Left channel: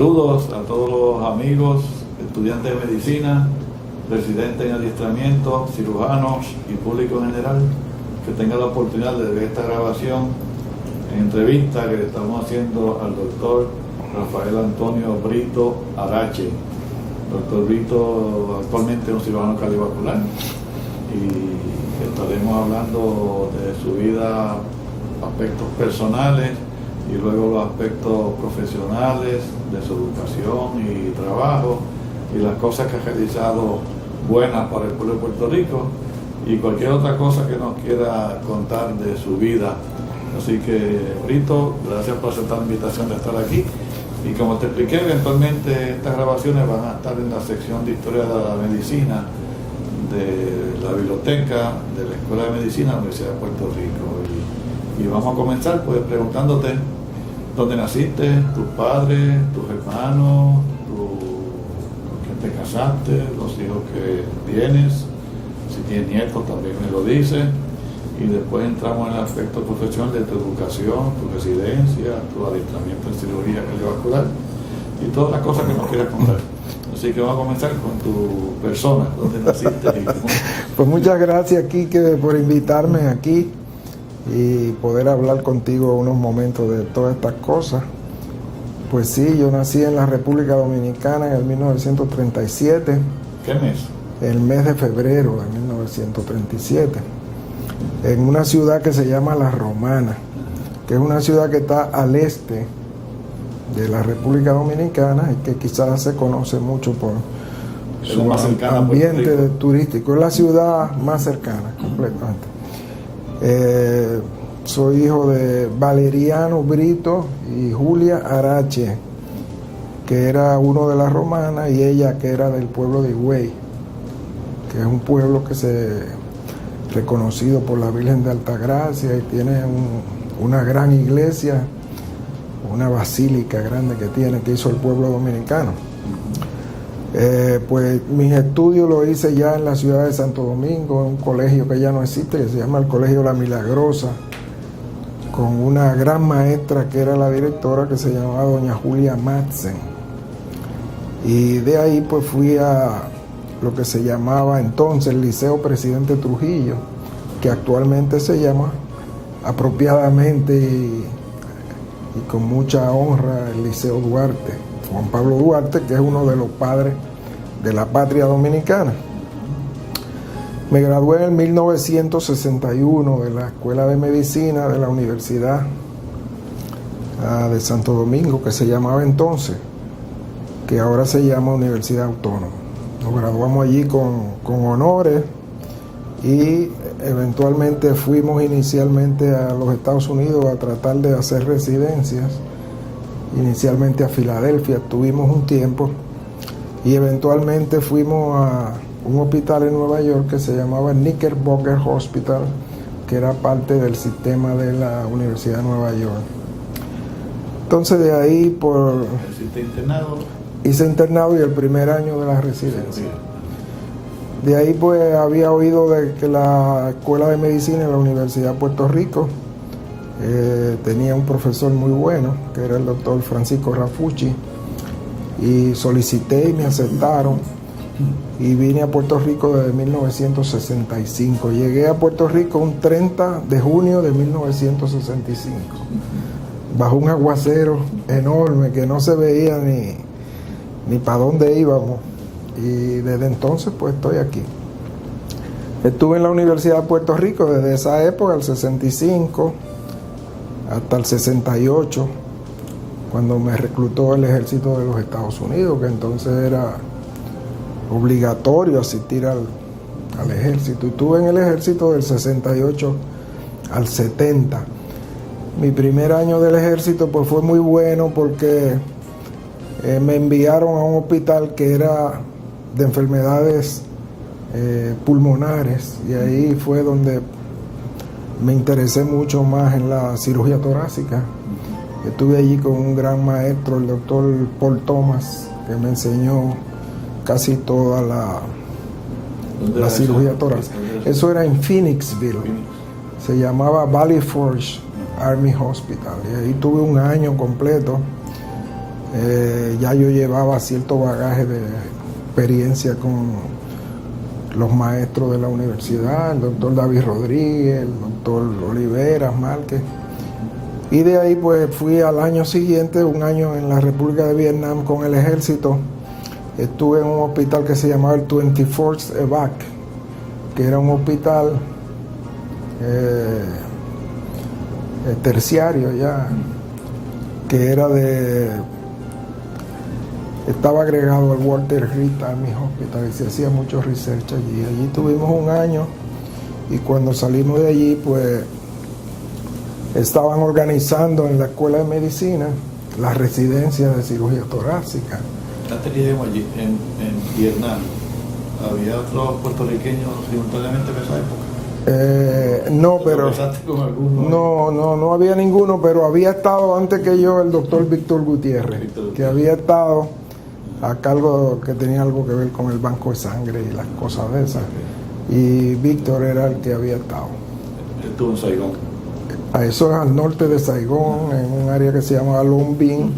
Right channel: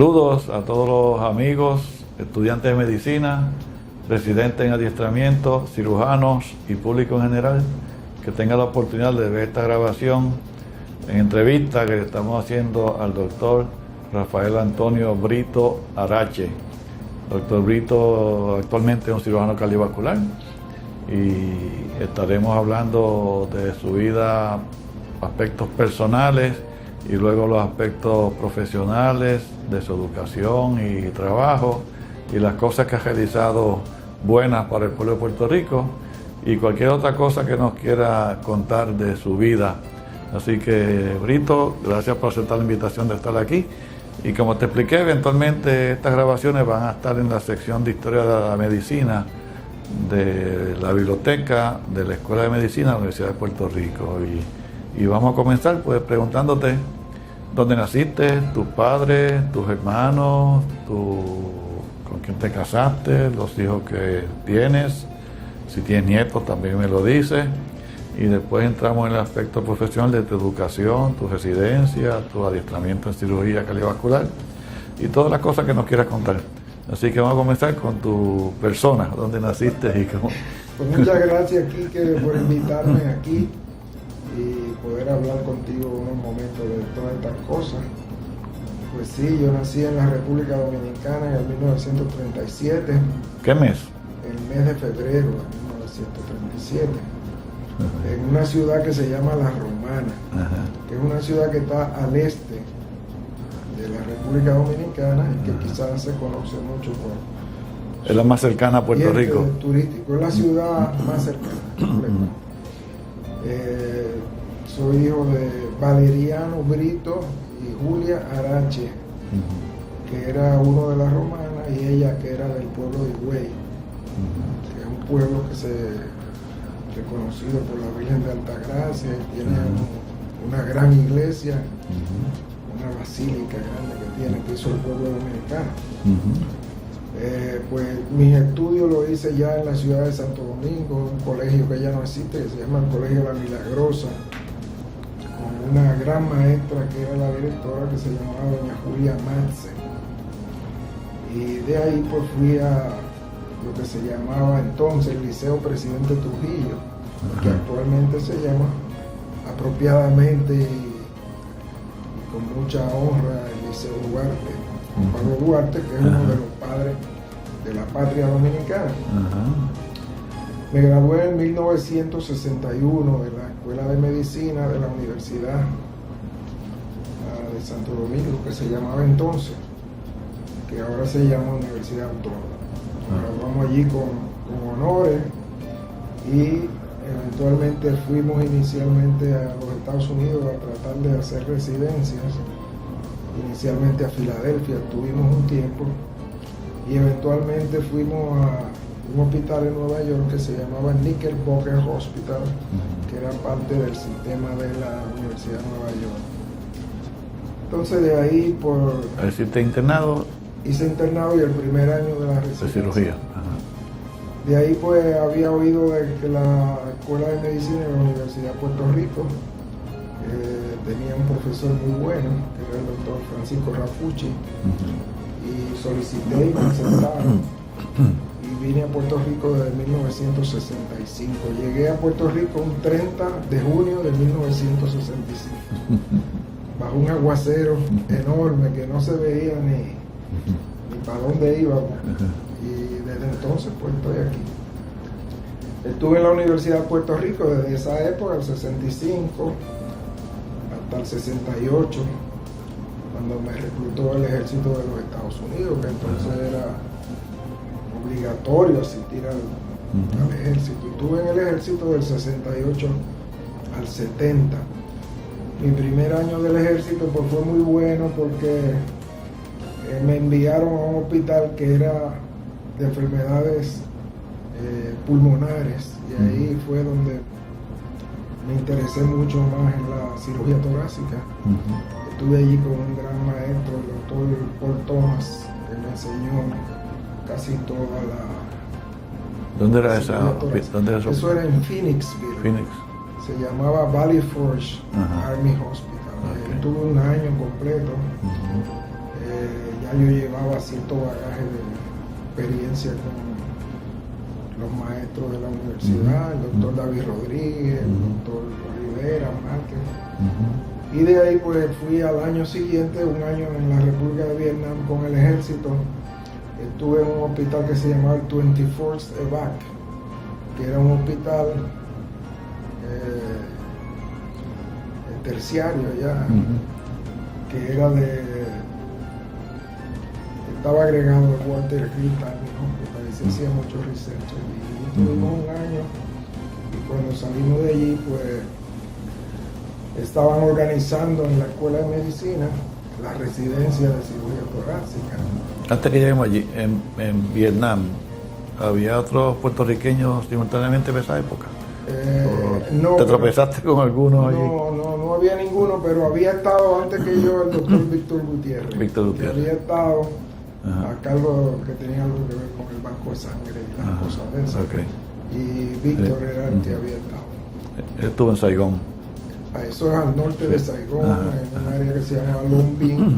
Saludos a todos los amigos, estudiantes de medicina, residentes en adiestramiento, cirujanos y público en general que tengan la oportunidad de ver esta grabación en entrevista que le estamos haciendo al doctor Rafael Antonio Brito Arache. Doctor Brito actualmente es un cirujano cardiovascular y estaremos hablando de su vida, aspectos personales y luego los aspectos profesionales de su educación y trabajo y las cosas que ha realizado buenas para el pueblo de Puerto Rico y cualquier otra cosa que nos quiera contar de su vida. Así que, Brito, gracias por aceptar la invitación de estar aquí. Y como te expliqué, eventualmente estas grabaciones van a estar en la sección de Historia de la Medicina de la biblioteca de la Escuela de Medicina de la Universidad de Puerto Rico. Y vamos a comenzar pues preguntándote dónde naciste, tus padres, tus hermanos, con quién te casaste, los hijos que tienes, si tienes nietos también me lo dices. Y después entramos en el aspecto profesional de tu educación, tu residencia, tu adiestramiento en cirugía cardiovascular y todas las cosas que nos quieras contar. Así que vamos a comenzar con tu persona, dónde naciste y cómo. Pues muchas gracias, Quique, por invitarme aquí y poder hablar contigo unos momentos de todas estas cosas. Pues sí, yo nací en la República Dominicana en el 1937. ¿Qué mes? El mes de febrero de 1937. En una ciudad que se llama La Romana, que es una ciudad que está al este de la República Dominicana y que quizás se conoce mucho por es la más cercana a Puerto Rico. Turístico, es la ciudad más cercana, completamente. Soy hijo de Valeriano Brito y Julia Arache, que era uno de La Romana, y ella que era del pueblo de Higüey, que es un pueblo que se reconocido por la Virgen de Altagracia y tiene una gran iglesia, una basílica grande que hizo el pueblo dominicano. Pues mis estudios los hice ya en la ciudad de Santo Domingo, en un colegio que ya no existe, que se llama el Colegio La Milagrosa, con una gran maestra que era la directora, que se llamaba doña Julia Madsen. Y de ahí pues fui a lo que se llamaba entonces el Liceo Presidente Trujillo, que actualmente se llama apropiadamente y con mucha honra el Liceo Duarte, Juan Pablo Duarte, que es uno de los padres de la patria dominicana. Me gradué en 1961 de la Escuela de Medicina de la Universidad de Santo Domingo, que se llamaba entonces, que ahora se llama Universidad Autónoma. Nos graduamos allí con honores y eventualmente fuimos inicialmente a los Estados Unidos a tratar de hacer residencias, inicialmente a Filadelfia, estuvimos un tiempo y eventualmente fuimos a un hospital en Nueva York que se llamaba Knickerbocker Hospital, que era parte del sistema de la Universidad de Nueva York. Entonces de ahí hice internado y el primer año de la residencia. Cirugía. De ahí pues había oído de que la Escuela de Medicina de la Universidad de Puerto Rico tenía un profesor muy bueno, que era el doctor Francisco Rafucci, y solicité y me aceptaron y vine a Puerto Rico desde 1965. Llegué a Puerto Rico un 30 de junio de 1965, bajo un aguacero enorme que no se veía ni para dónde íbamos. Y desde entonces pues estoy aquí. Estuve en la Universidad de Puerto Rico desde esa época, el 65 hasta el 68, cuando me reclutó el ejército de los Estados Unidos, que entonces era obligatorio asistir al ejército. Y estuve en el ejército del 68 al 70. Mi primer año del ejército pues fue muy bueno porque me enviaron a un hospital que era de enfermedades pulmonares, y ahí fue donde me interesé mucho más en la cirugía torácica. Estuve allí con un gran maestro, el doctor Paul Thomas, que me enseñó casi toda la cirugía torácica. Eso era en Phoenixville. Se llamaba Valley Forge Army Hospital. Y ahí tuve un año completo. Ya yo llevaba cierto bagaje de experiencia con los maestros de la universidad, el doctor David Rodríguez, el doctor Olivera Márquez. Y de ahí pues fui al año siguiente, un año en la República de Vietnam con el ejército. Estuve en un hospital que se llamaba el 24th EVAC, que era un hospital terciario ya, que era estaba agregado al Walter Reed Army Hospital y se hacía mucho research allí. Allí tuvimos un año y cuando salimos de allí pues estaban organizando en la Escuela de Medicina la residencia de cirugía torácica. Antes que lleguemos allí, en Vietnam, ¿había otros puertorriqueños simultáneamente en esa época? No, ¿Te tropezaste con alguno? No había ninguno, pero había estado antes que yo el doctor Víctor Gutiérrez, que había estado a cargo, que tenía algo que ver con el banco de sangre y las cosas de esas. Okay. Y Víctor era el que había estado. Estuvo en Saigón. A eso es al norte de Saigón, en un área que se llamaba Long Binh,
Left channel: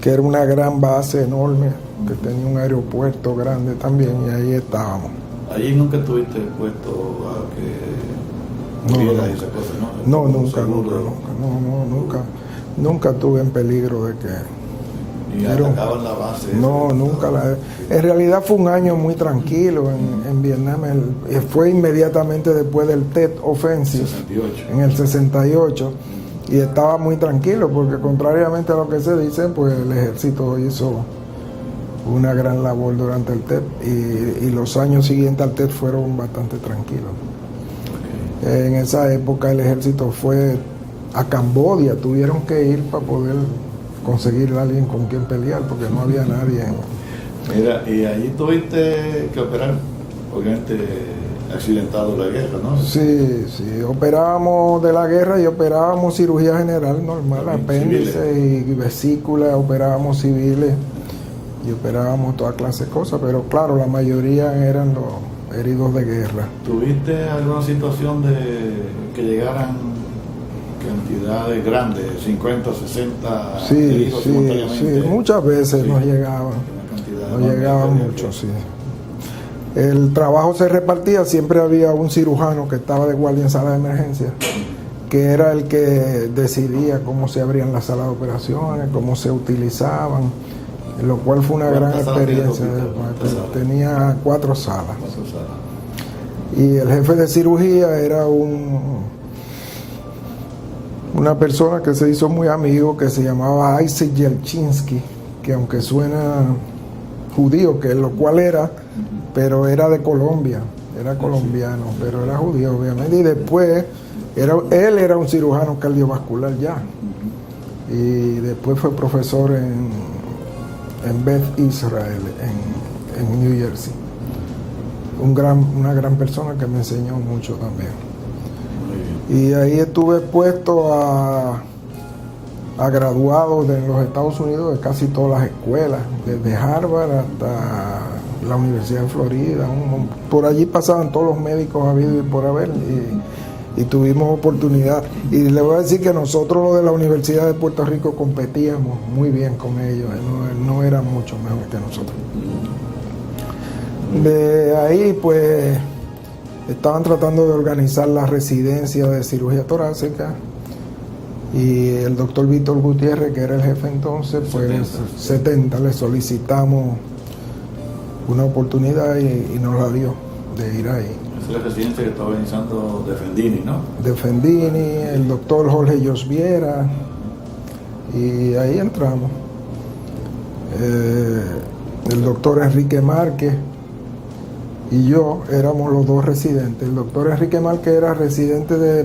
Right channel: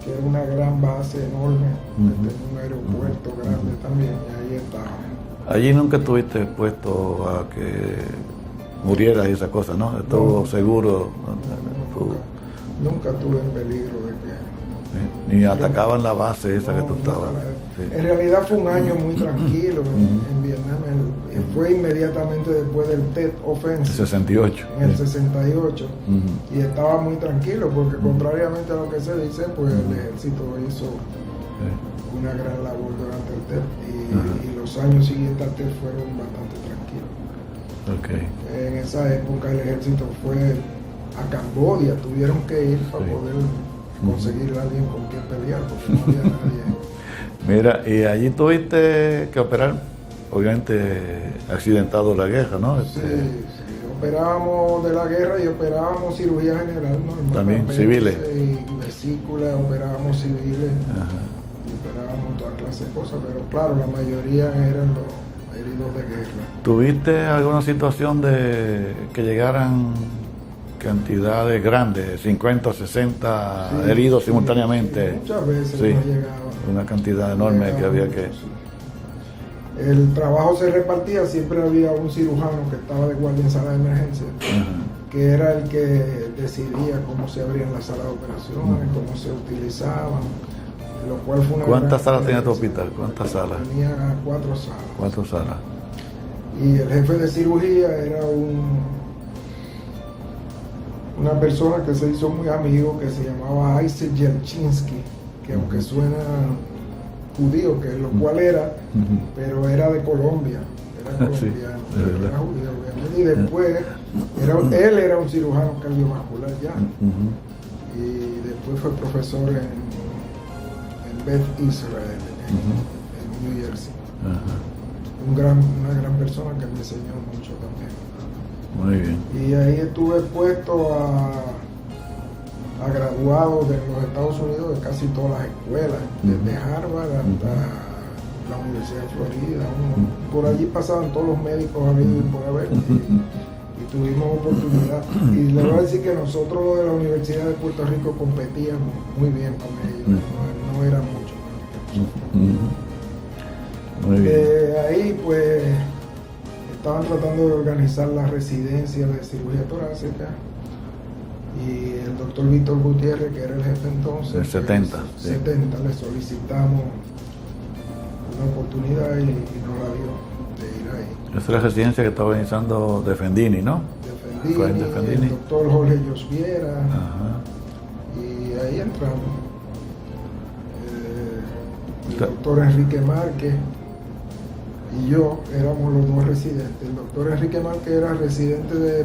que era una gran base enorme, que tenía un aeropuerto grande también, y ahí estábamos. Allí nunca estuviste expuesto a que murieras y esas cosas, ¿no? No, nunca, seguro. Nunca estuve en peligro de que... Ni atacaban la base. No, nunca. En realidad fue un año muy tranquilo en Vietnam. Fue inmediatamente después del Tet Offensive. 68. En el 68. Y estaba muy tranquilo porque contrariamente a lo que se dice, pues el ejército hizo una gran labor durante el Tet y los años siguientes al Tet fueron bastante tranquilos. Okay. En esa época el ejército fue a Camboya, tuvieron que ir para poder conseguir a alguien con quien pelear porque no había nadie. Mira, y allí tuviste que operar, obviamente accidentado de la guerra, ¿no? Sí, operábamos de la guerra y operábamos cirugía general normal, apéndice y vesícula, operábamos civiles. Y operábamos toda clase de cosas, pero claro, la mayoría eran los heridos de guerra. ¿Tuviste alguna situación de que llegaran cantidades grandes, 50, 60 heridos simultáneamente? Sí, muchas veces nos llegaban. Una cantidad enorme que había mucho, sí. El trabajo se repartía, siempre había un cirujano que estaba de guardia en sala de emergencia, que era el que decidía cómo se abrían las salas de operaciones, cómo se utilizaban, lo cual fue una gran experiencia. ¿Cuántas salas tenía tu hospital? ¿Cuántas salas? Tenía 4 salas. 4 salas. Y el jefe de cirugía era una persona que se hizo muy amigo, que se llamaba Isaac Yelchinsky, que aunque suena judío, que lo cual era, pero era de Colombia, era colombiano, pero era judío obviamente, y después él era un cirujano cardiovascular ya, y después fue profesor en Beth Israel, en New Jersey. Una gran persona que me enseñó mucho también. Muy bien. Y ahí estuve expuesto a graduados de los Estados Unidos de casi todas las escuelas, desde Harvard hasta la Universidad de Florida. Por allí pasaban todos los médicos habidos y por haber, y tuvimos oportunidad. Y le voy a decir que nosotros los de la Universidad de Puerto Rico competíamos muy bien con ellos, no eran mucho mejor que nosotros. De ahí pues estaban tratando de organizar la residencia de cirugía torácica y el doctor Víctor Gutiérrez, que era el jefe entonces, el 70, le solicitamos una oportunidad y nos la dio de ir ahí. Esa es la residencia que estaba organizando Defendini, ¿no? Defendini, el doctor Jorge Josviera, y ahí entramos. El doctor Enrique Márquez y yo éramos los 2 residentes. El doctor Enrique Márquez era residente de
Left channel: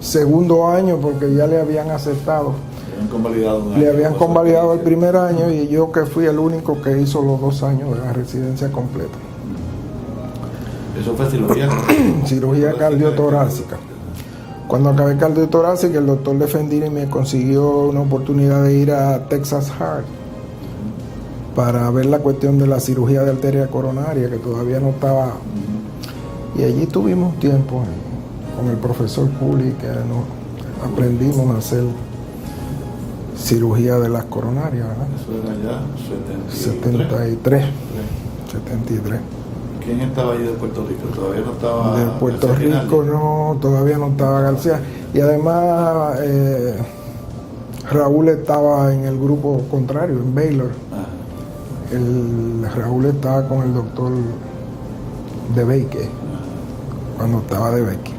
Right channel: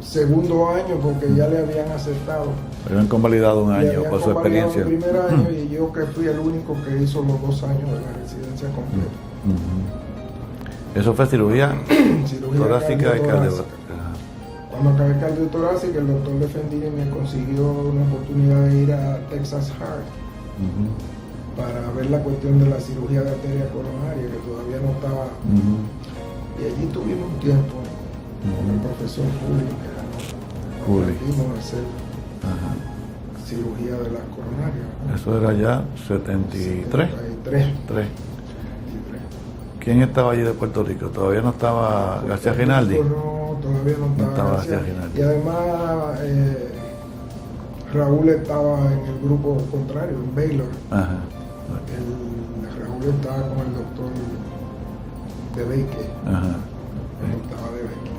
segundo año porque ya le habían aceptado. Le habían convalidado un año. Le habían convalidado el primer año y yo que fui el único que hizo los 2 años de la residencia completa. ¿Eso fue cirugía? Cirugía cardiotorácica. Cuando acabé cardiotorácica, el doctor Defendini me consiguió una oportunidad de ir a Texas Heart para ver la cuestión de la cirugía de arteria coronaria, que todavía no estaba. Y allí tuvimos tiempo con el profesor Puli, que aprendimos a hacer cirugía de las coronarias, ¿verdad? Eso era ya 73. 73. ¿Quién estaba allí de Puerto Rico? Todavía no estaba De Puerto García Rinaldi. Rico no, todavía no estaba García. Y además Raúl estaba en el grupo contrario, en Baylor. Ajá. Raúl estaba con el doctor de Beque, cuando estaba de Beque.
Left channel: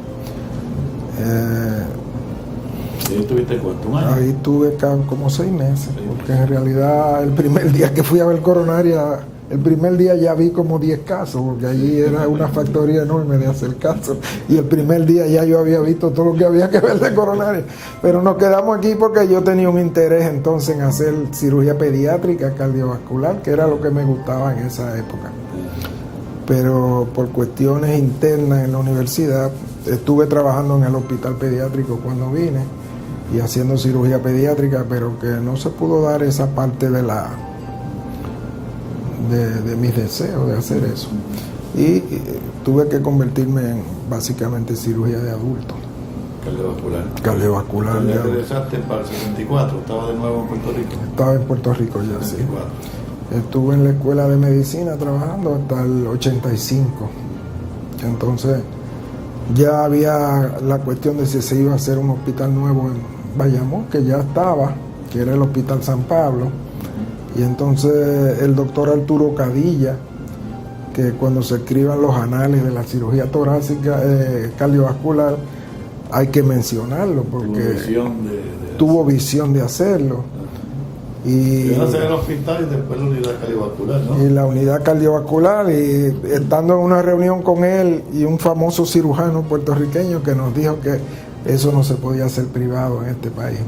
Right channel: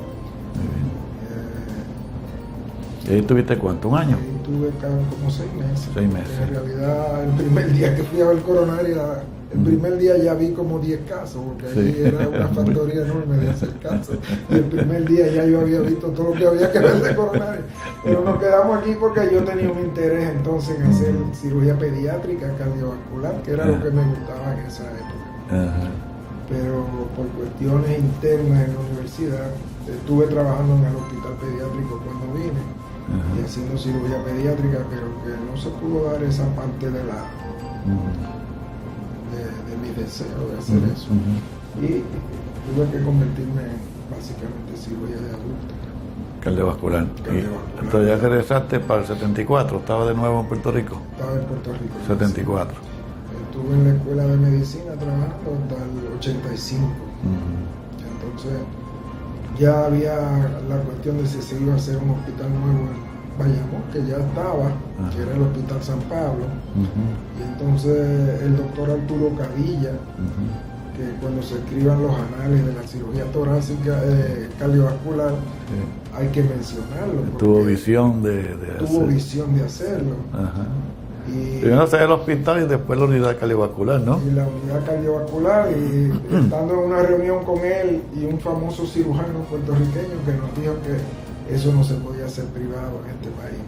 ¿Y ahí tuviste cuánto? ¿Un año? Ahí tuve como 6 meses. 6 meses. Porque en realidad el primer día que fui a ver coronaria, el primer día ya vi como 10 casos, porque allí era una factoría enorme de hacer casos. Y el primer día ya yo había visto todo lo que había que ver de coronaria. Pero nos quedamos aquí porque yo tenía un interés entonces en hacer cirugía pediátrica cardiovascular, que era lo que me gustaba en esa época. Pero por cuestiones internas en la universidad, estuve trabajando en el hospital pediátrico cuando vine y haciendo cirugía pediátrica, pero que no se pudo dar esa parte de mis deseos de hacer eso. Y tuve que convertirme en básicamente cirugía de adultos. Cardiovascular. Cardiovascular. Entonces ya regresaste para el 74, estaba de nuevo en Puerto Rico. Estaba en Puerto Rico. 74. Sí. Estuve en la escuela de medicina trabajando hasta el 85. Entonces ya había la cuestión de si se iba a hacer un hospital nuevo en Bayamón, que ya estaba, que era el Hospital San Pablo. Y entonces el doctor Arturo Cadilla, que cuando se escriban los anales de la cirugía torácica cardiovascular, hay que mencionarlo, porque tuvo visión de hacerlo. Y primero hacer el hospital y después la unidad cardiovascular, ¿no? Y la unidad cardiovascular, y estando en una reunión con él y un famoso cirujano puertorriqueño que nos dijo que eso no se podía hacer privado en este país.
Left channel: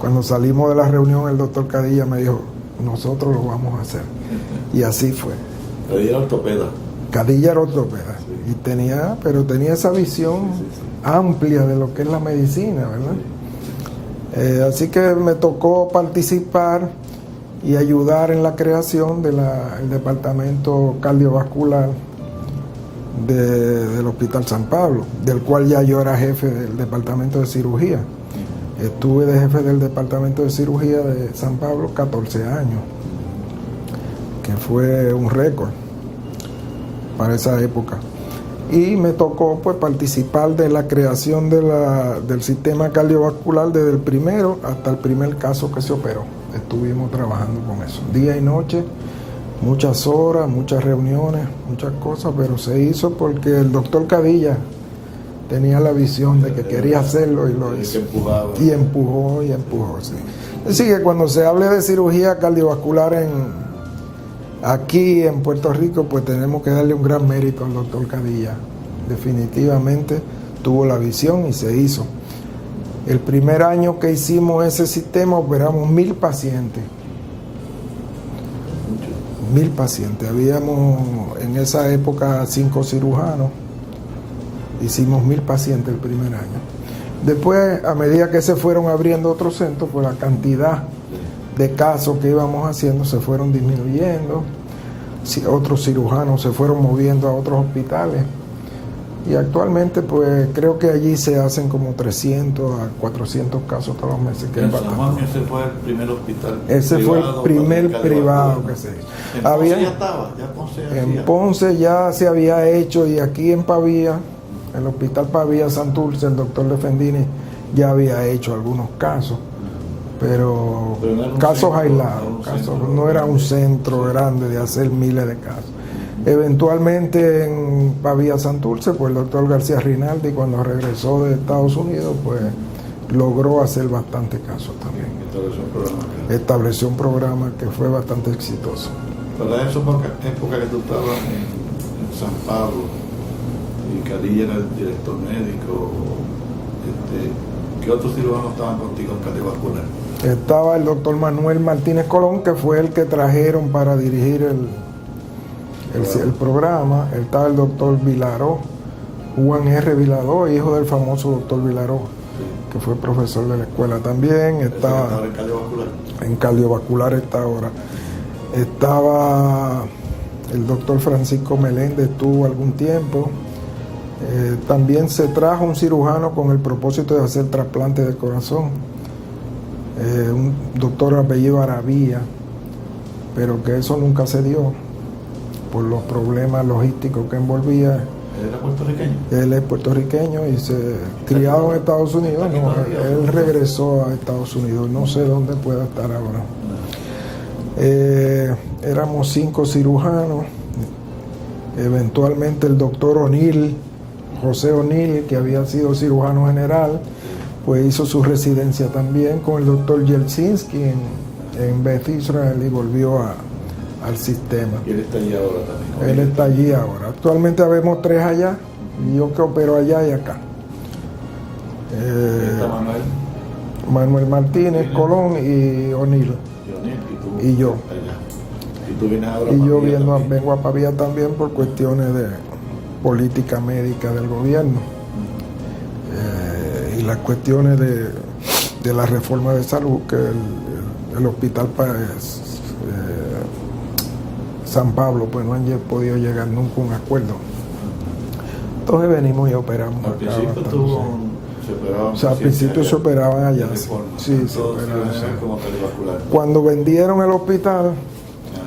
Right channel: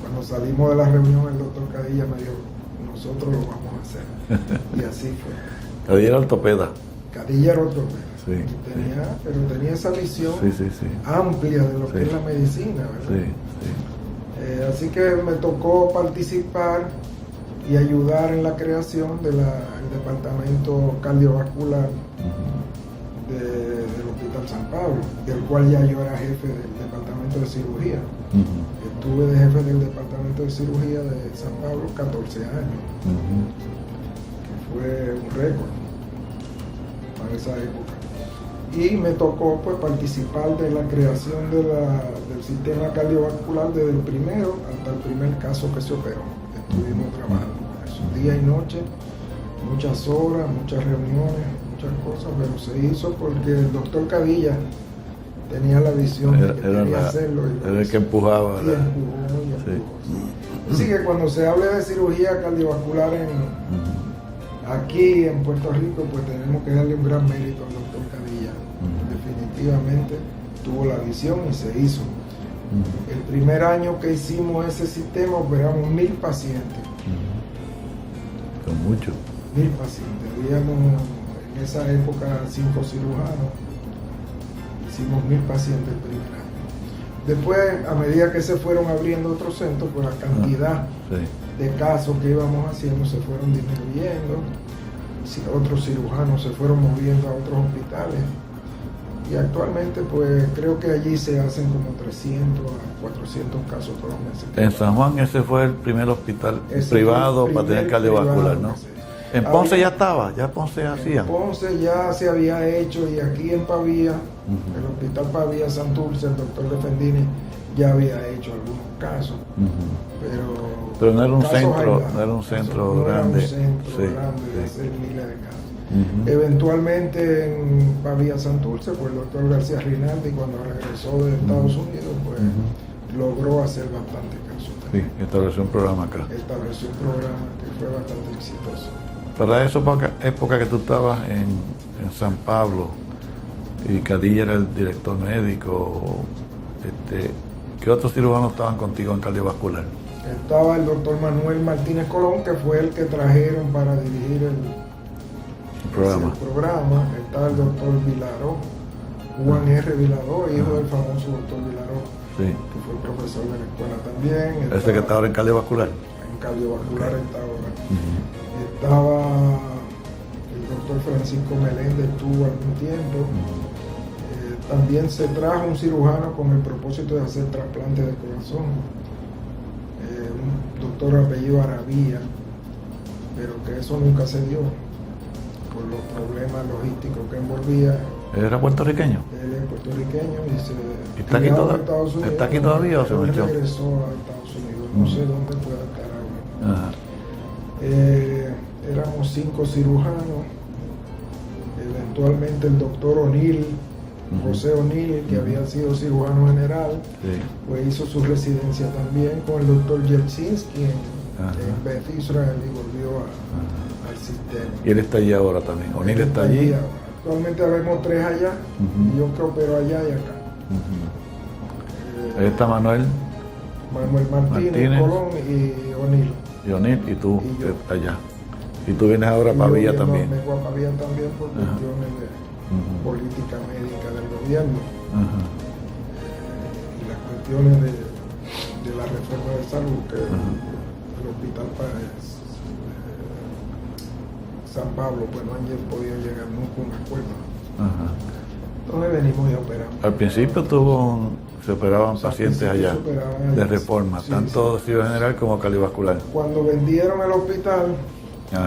Cuando salimos de la reunión, el doctor Cadilla me dijo, nosotros lo vamos a hacer. Y así fue. Cadilla era ortopeda. Cadilla era ortopeda. Sí. Y tenía esa visión amplia de lo que es la medicina, ¿verdad? Así que me tocó participar y ayudar en la creación del departamento cardiovascular del Hospital San Pablo, del cual ya yo era jefe del departamento de cirugía. Estuve de jefe del departamento de cirugía de San Pablo 14 años, que fue un récord para esa época. Y me tocó pues participar de la creación del sistema cardiovascular desde el primero hasta el primer caso que se operó. Estuvimos trabajando con eso, día y noche, muchas horas, muchas reuniones, muchas cosas, pero se hizo porque el doctor Cadilla tenía la visión de que quería hacerlo y lo hizo. Que empujaba. Y empujó. Sí. Así que cuando se hable de cirugía cardiovascular aquí en Puerto Rico, pues tenemos que darle un gran mérito al doctor Cadilla. Definitivamente tuvo la visión y se hizo. El primer año que hicimos ese sistema operamos 1000 pacientes. Con mucho. 1000 pacientes. Habíamos en esa época 5 cirujanos. Hicimos 1000 pacientes el primer año. Después, a medida que se fueron abriendo otros centros, pues la cantidad de casos que íbamos haciendo se fueron disminuyendo. Otros cirujanos se fueron moviendo a otros hospitales. Y actualmente, pues creo que allí se hacen como 300 a 400 casos todos los meses. En San Juan ese fue el primer hospital privado para tener cardiovascular, ¿no? En Ponce ya estaba, ya Ponce hacía. En Ponce ya se había hecho, y aquí en Pavía, el hospital Pavía Santurce, el doctor Lefendini ya había hecho algunos casos, pero no era un casos centro, aislados, no era un centro grande de hacer miles de casos. Eventualmente en Pavía Santurce, pues el doctor García Rinaldi, cuando regresó de Estados Unidos, pues logró hacer bastantes casos también. Sí, estableció un programa acá. Estableció un programa que fue bastante exitoso. Para esa época que tú estabas en San Pablo y Cadilla era el director médico, ¿qué otros cirujanos estaban contigo en cardiovascular? Estaba el doctor Manuel Martínez Colón, que fue el que trajeron para dirigir el programa. Estaba el doctor Vilaró, Juan R. Vilaró, hijo del famoso doctor Vilaró, que fue profesor de la escuela también. Ese que está ahora en cardiovascular. En cardiovascular está ahora. Estaba el doctor Francisco Meléndez, estuvo algún tiempo. También se trajo un cirujano con el propósito de hacer trasplante de corazón, un doctor apellido Aravía, pero que eso nunca se dio por los problemas logísticos que envolvía. ¿Era puertorriqueño? Él es puertorriqueño y se ¿Está aquí criado en Estados Unidos. ¿Está aquí todavía? Él regresó a Estados Unidos, no sé dónde pueda estar ahora. Éramos 5 cirujanos. Eventualmente el doctor O'Neill, José O'Neill, que había sido cirujano general, pues hizo su residencia también con el doctor Yeltsinski en Beth Israel y volvió al sistema. ¿Y él está allí ahora también? Él está allí ahora. Actualmente vemos 3 allá, y yo que opero allá y acá. Está Manuel Martínez, Colón y O'Neill. Y O'Neill, y tú y yo. Allá. Y tú vienes ahora a Y Pavía yo también. vengo a Pavía también por cuestiones de política médica del gobierno. Y las cuestiones de la reforma de salud, que el hospital San Pablo pues no han podido llegar nunca a un acuerdo. Entonces venimos y operamos. Al principio se operaban al principio allá, se operaban allá. de reforma, Sí, tanto sí, cirugía general como cardiovascular. Cuando vendieron el hospital,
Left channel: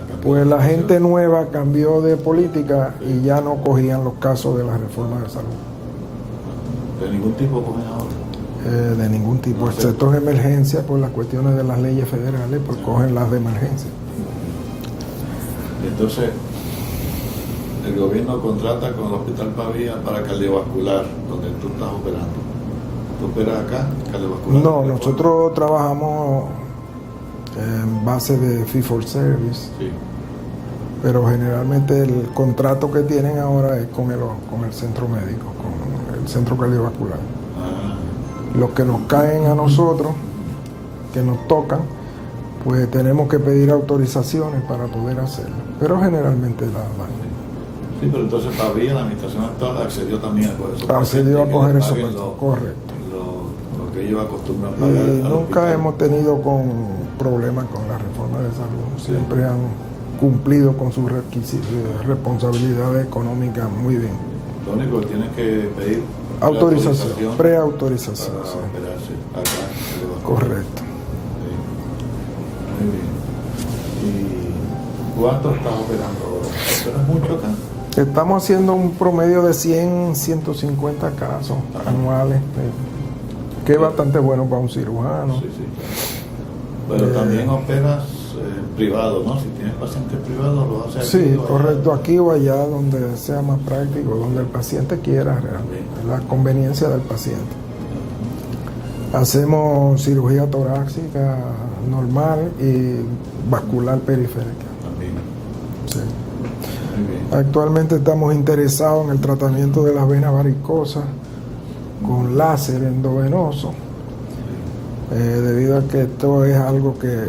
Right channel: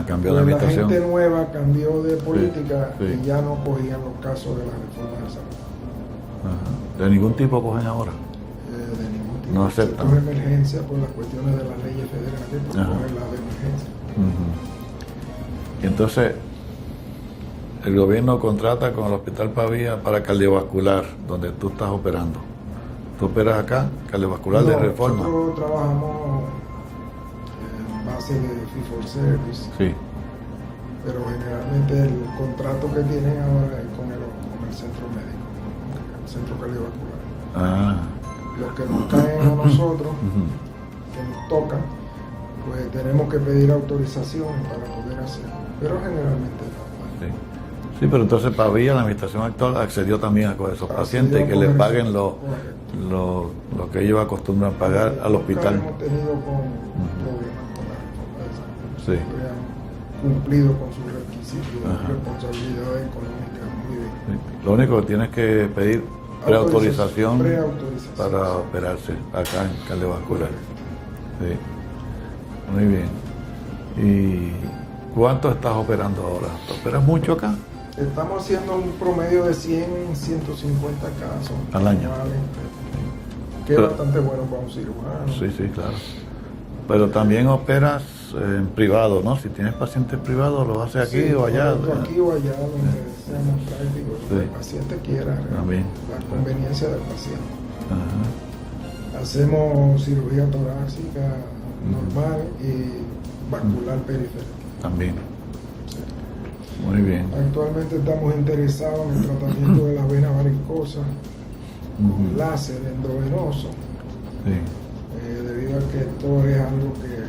Cambió pues la administración. gente nueva cambió de política sí. y ya no cogían los casos de la reforma de salud. De ningún tipo cogen ahora. De ningún tipo, No, excepto en emergencia por las cuestiones de las leyes federales, pues cogen las de emergencia. Y entonces el gobierno contrata con el Hospital Pavía para cardiovascular, donde tú estás operando. ¿Tú operas acá, cardiovascular de No, reforma? nosotros trabajamos en base de fee for service, Sí. pero generalmente el contrato que tienen ahora es con el centro médico, con el centro cardiovascular. Los que nos caen a nosotros, que nos tocan, pues tenemos que pedir autorizaciones para poder hacerlo, pero generalmente la Sí, pero entonces Pavía, la administración actual, accedió también a coger esos accedió pacientes a que coger les eso, paguen correcto. lo que ellos acostumbran pagar al Nunca hospital. hemos tenido problemas con la reforma de salud. Sí. Siempre han cumplido con sus requisitos de responsabilidad económica muy bien. Lo único que tienes que pedir Autorización, preautorización. para Sí. operarse acá en cardiovascular. Correcto. Sí. Muy bien. ¿Y cuánto estás operando ahora? ¿Operas mucho acá? Estamos haciendo un promedio de 100, 150 casos Al año. anuales, que es Claro. bastante bueno para un cirujano. Sí, claro. Pero también operas en privado, ¿no? Si tienes pacientes privados, los haces aquí Sí, o allá. correcto, aquí o allá, donde sea más práctico, donde el paciente quiera, También. la conveniencia del paciente. Ajá. Hacemos cirugía torácica normal y vascular periférica. También. Sí. Muy bien. Actualmente estamos interesados en el tratamiento de las venas varicosas con láser endovenoso, Sí. debido a que esto es algo que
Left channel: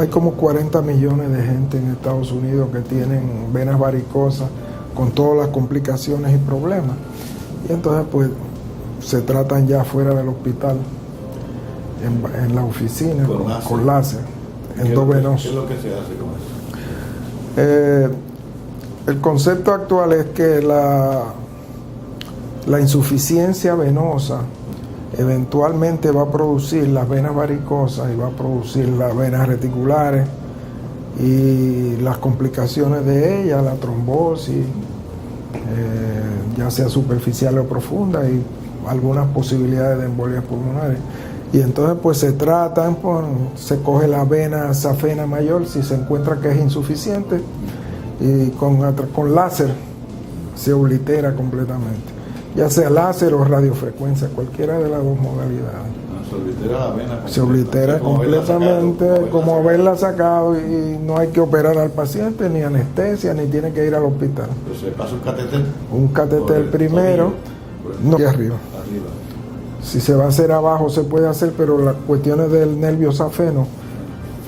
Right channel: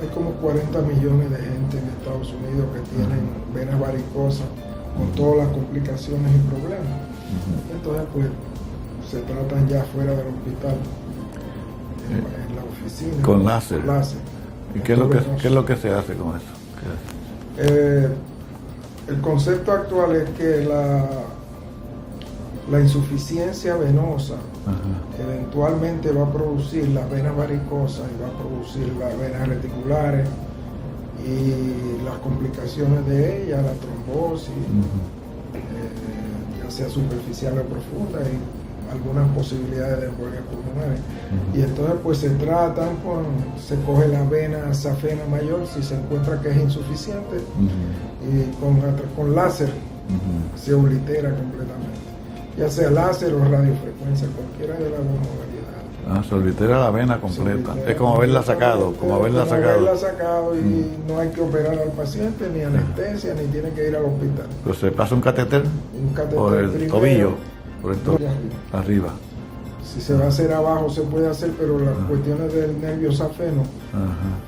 hay como 40 millones de gente en Estados Unidos que tienen venas varicosas con todas las complicaciones y problemas. Y entonces pues se tratan ya fuera del hospital, en la oficina, Con con láser ¿Qué es endovenoso. lo que se hace con eso? El concepto actual es que la insuficiencia venosa eventualmente va a producir las venas varicosas y va a producir las venas reticulares y las complicaciones de ella, la trombosis, ya sea superficial o profunda, y algunas posibilidades de embolias pulmonares. Y entonces pues se tratan, pues, se coge la vena safena mayor si se encuentra que es insuficiente y con láser se oblitera completamente, ya sea láser o radiofrecuencia, cualquiera de las dos modalidades. Se oblitera la vena completa. Se oblitera Es como haberla sacado. completamente, como haberla sacado, y no hay que operar al paciente, ni anestesia, ni tiene que ir al hospital. Pero se pasa un catéter. Un por catéter el primero, tobillo, por el no, tobillo, aquí arriba. arriba. Si se va a hacer abajo se puede hacer, pero las cuestiones del nervio safeno,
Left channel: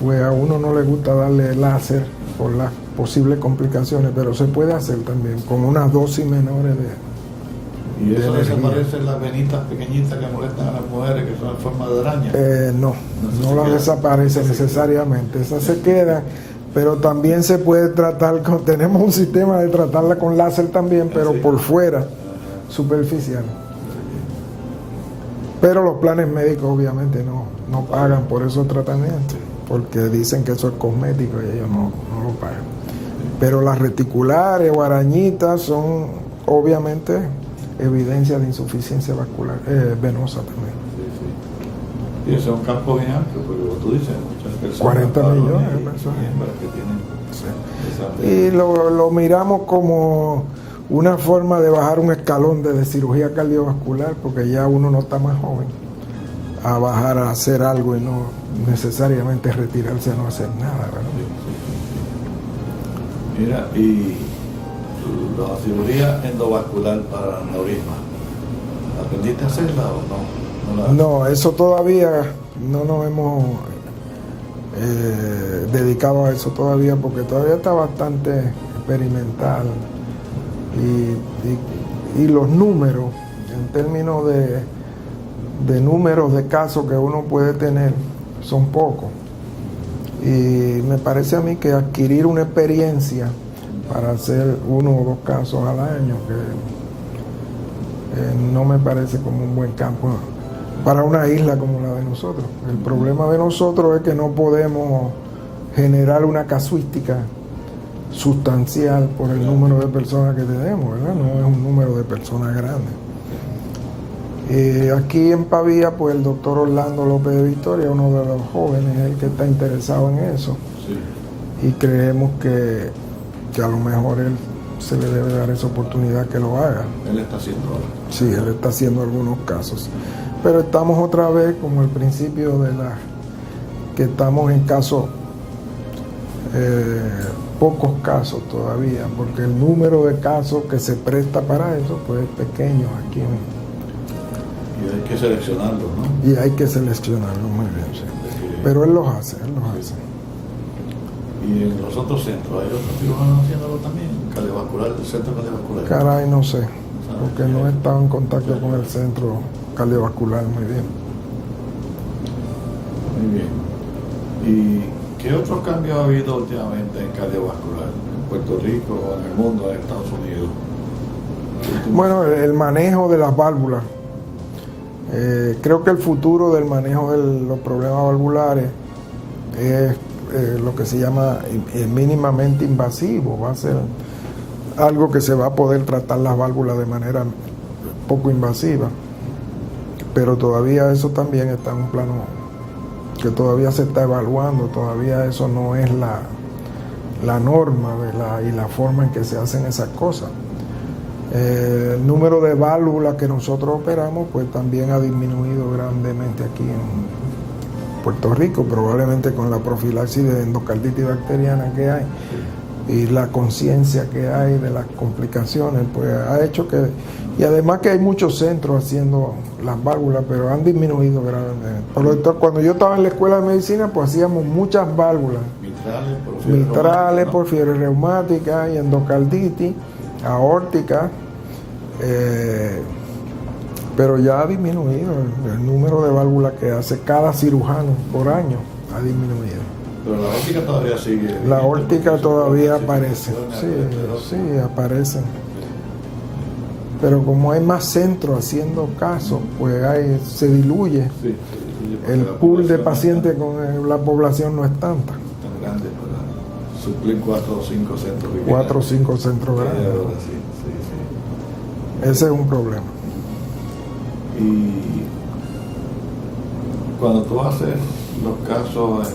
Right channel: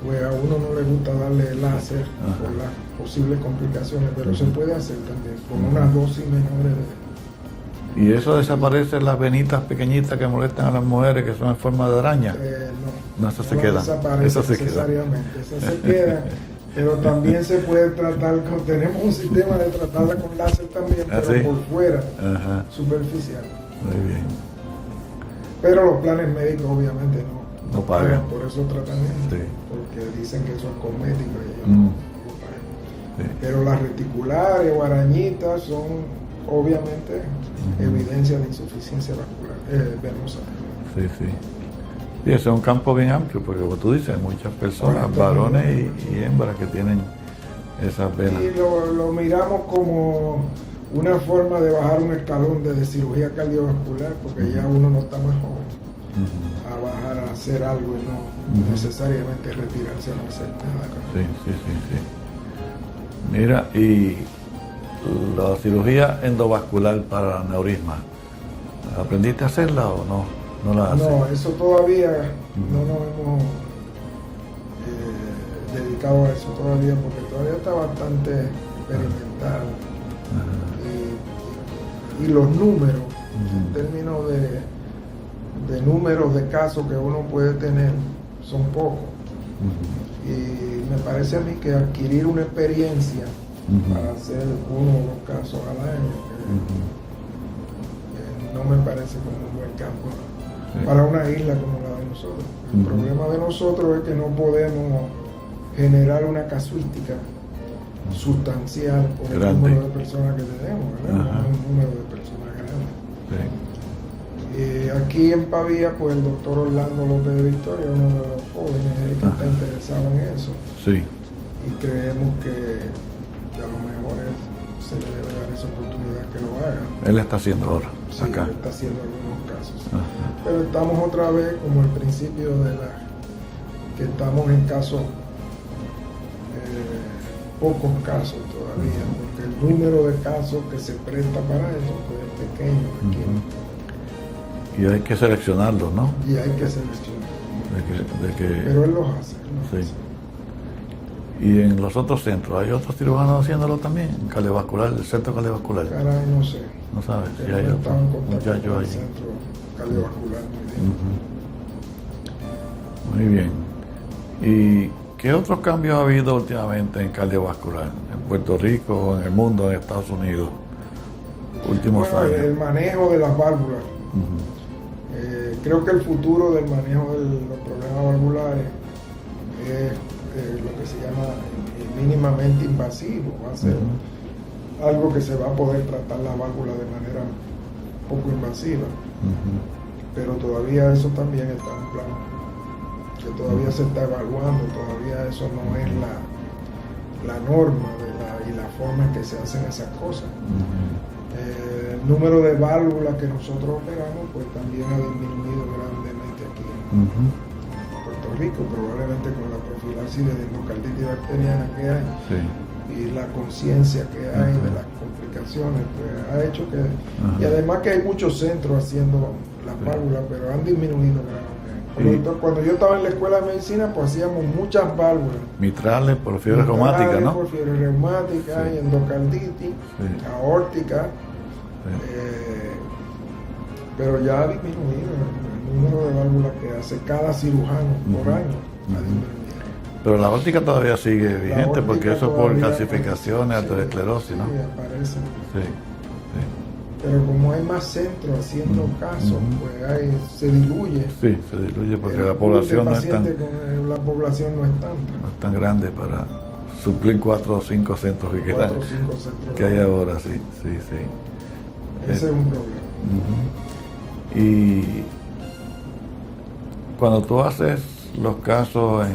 pues a uno no le gusta darle láser por las posibles complicaciones, pero se puede hacer también con unas dosis menores de... ¿Y eso desaparece las venitas pequeñitas que molestan a las mujeres, que son en forma de araña? No Esas se la quedan. desaparece Esas se necesariamente, esas se quedan, pero también se puede tratar tenemos un sistema de tratarla con láser también, pero ¿sí? por fuera, Ajá. superficial. Muy bien. Pero los planes médicos obviamente no pagan por esos tratamientos, porque dicen que eso es cosmético y ellos no lo pagan. Pero las reticulares o arañitas son obviamente evidencia de insuficiencia vascular venosa también. Y eso es un campo bien amplio, porque como tú dices, muchas personas, varones y hembras que tienen esa pena. Y lo miramos como una forma de bajar un escalón de cirugía cardiovascular, porque ya uno no está más joven a bajar a hacer algo y no necesariamente retirarse a no hacer nada, ¿verdad? Mira, y la cirugía endovascular para aneurisma, ¿aprendiste a hacerla o no? No, eso todavía no nos hemos dedicado a eso todavía, porque todavía está bastante experimental. Y los números, en términos de números de casos que uno puede tener, son pocos. Y me parece a mí que adquirir una experiencia para hacer 1 o 2 casos al año, que no me parece como un buen campo para una isla como la de nosotros. El problema de nosotros es que no podemos generar una casuística sustancial por el número de personas que tenemos, ¿verdad? No es un número de personas grande. Aquí en Pavía, pues el doctor Orlando López de Victoria, uno de los jóvenes, es el que está interesado en eso. Y creemos que a lo mejor él se le debe dar esa oportunidad que lo haga. Él está haciendo ahora. Sí, él está haciendo algunos casos. Pero estamos otra vez como al principio de que estamos en casos, pocos casos todavía, porque el número de casos que se presta para eso pues es pequeño aquí. Y hay que seleccionarlos, ¿no? Y hay que seleccionarlos muy bien. Pero él los hace, hace. ¿Y en los otros centros hay otros cirujanos haciéndolo también? Cardiovascular, el centro cardiovascular. Caray, no sé. No sabes. Porque no he estado en contacto con el centro cardiovascular muy bien. Muy bien. ¿Y qué otros cambios ha habido últimamente en cardiovascular? ¿En Puerto Rico o en el mundo, en Estados Unidos? Bueno, el manejo de las válvulas. Creo que el futuro del manejo de los problemas valvulares es lo que se llama mínimamente invasivo. Va a ser algo que se va a poder tratar las válvulas de manera poco invasiva. Pero todavía eso también está en un plano que todavía se está evaluando, todavía eso no es la norma y la forma en que se hacen esas cosas. El número de válvulas que nosotros operamos pues también ha disminuido grandemente aquí en Puerto Rico, probablemente con la profilaxis de endocarditis bacteriana que hay y la conciencia que hay de las complicaciones, pues ha hecho que, y además que hay muchos centros haciendo las válvulas, pero han disminuido gravemente. Por lo tanto, cuando yo estaba en la escuela de medicina, pues hacíamos muchas válvulas. Mitrales por fiebre reumática, ¿no? Por fiebre reumática y endocarditis, aórtica, pero ya ha disminuido el número de válvulas que hace cada cirujano por año, ha disminuido. Pero la óptica todavía sigue vigente, la óptica todavía aparece. Aterosclerosis, sí, aparecen. Pero como hay más centros haciendo casos, pues se diluye. Sí, se diluye porque el la pool población de pacientes no con la población no es tanta. No es tan grande para suplir 4 o 5 centros. 4 o 5 centros que hay grandes. ahora, sí. Ese es un problema. Y cuando tú haces los casos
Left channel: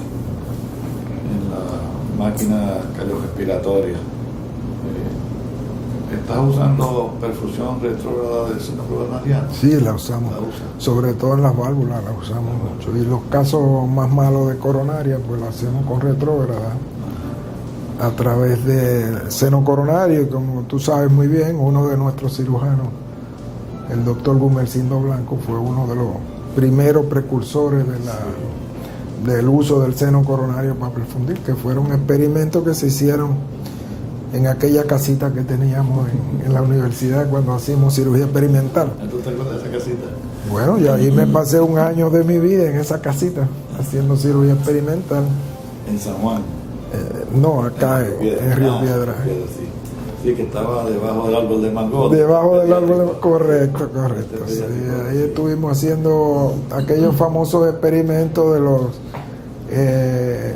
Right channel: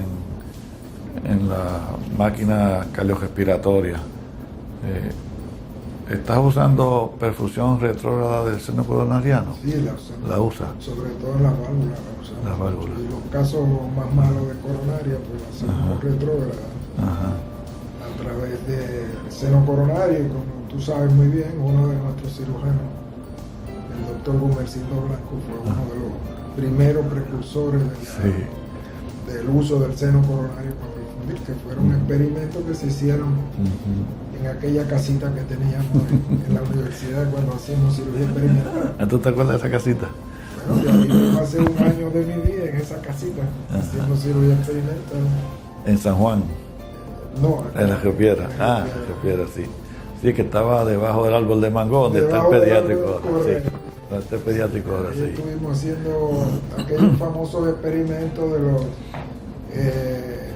en la máquina cardiorrespiratoria, ¿estás usando perfusión retrógrada del seno coronariano? Sí, la usamos. ¿La usan? Sobre todo en las válvulas la usamos mucho. Y los casos más malos de coronaria, pues la hacemos con retrógrada. A través del seno coronario, y como tú sabes muy bien, uno de nuestros cirujanos, el doctor Gumercindo Blanco, fue uno de los primeros precursores del uso del seno coronario para perfundir, que fueron experimentos que se hicieron en aquella casita que teníamos en la universidad cuando hacíamos cirugía experimental. ¿Tú te acuerdas de esa casita? Bueno, y ahí me pasé un año de mi vida en esa casita, haciendo cirugía experimental. ¿En San Juan? No, acá en Río Piedra. en Río Piedra. Sí, Sí, que estaba debajo del árbol de mango. Debajo del árbol, pediátrico. correcto, Sí, correcto. pediátrico, Sí, ahí sí. estuvimos haciendo aquellos famosos experimentos de los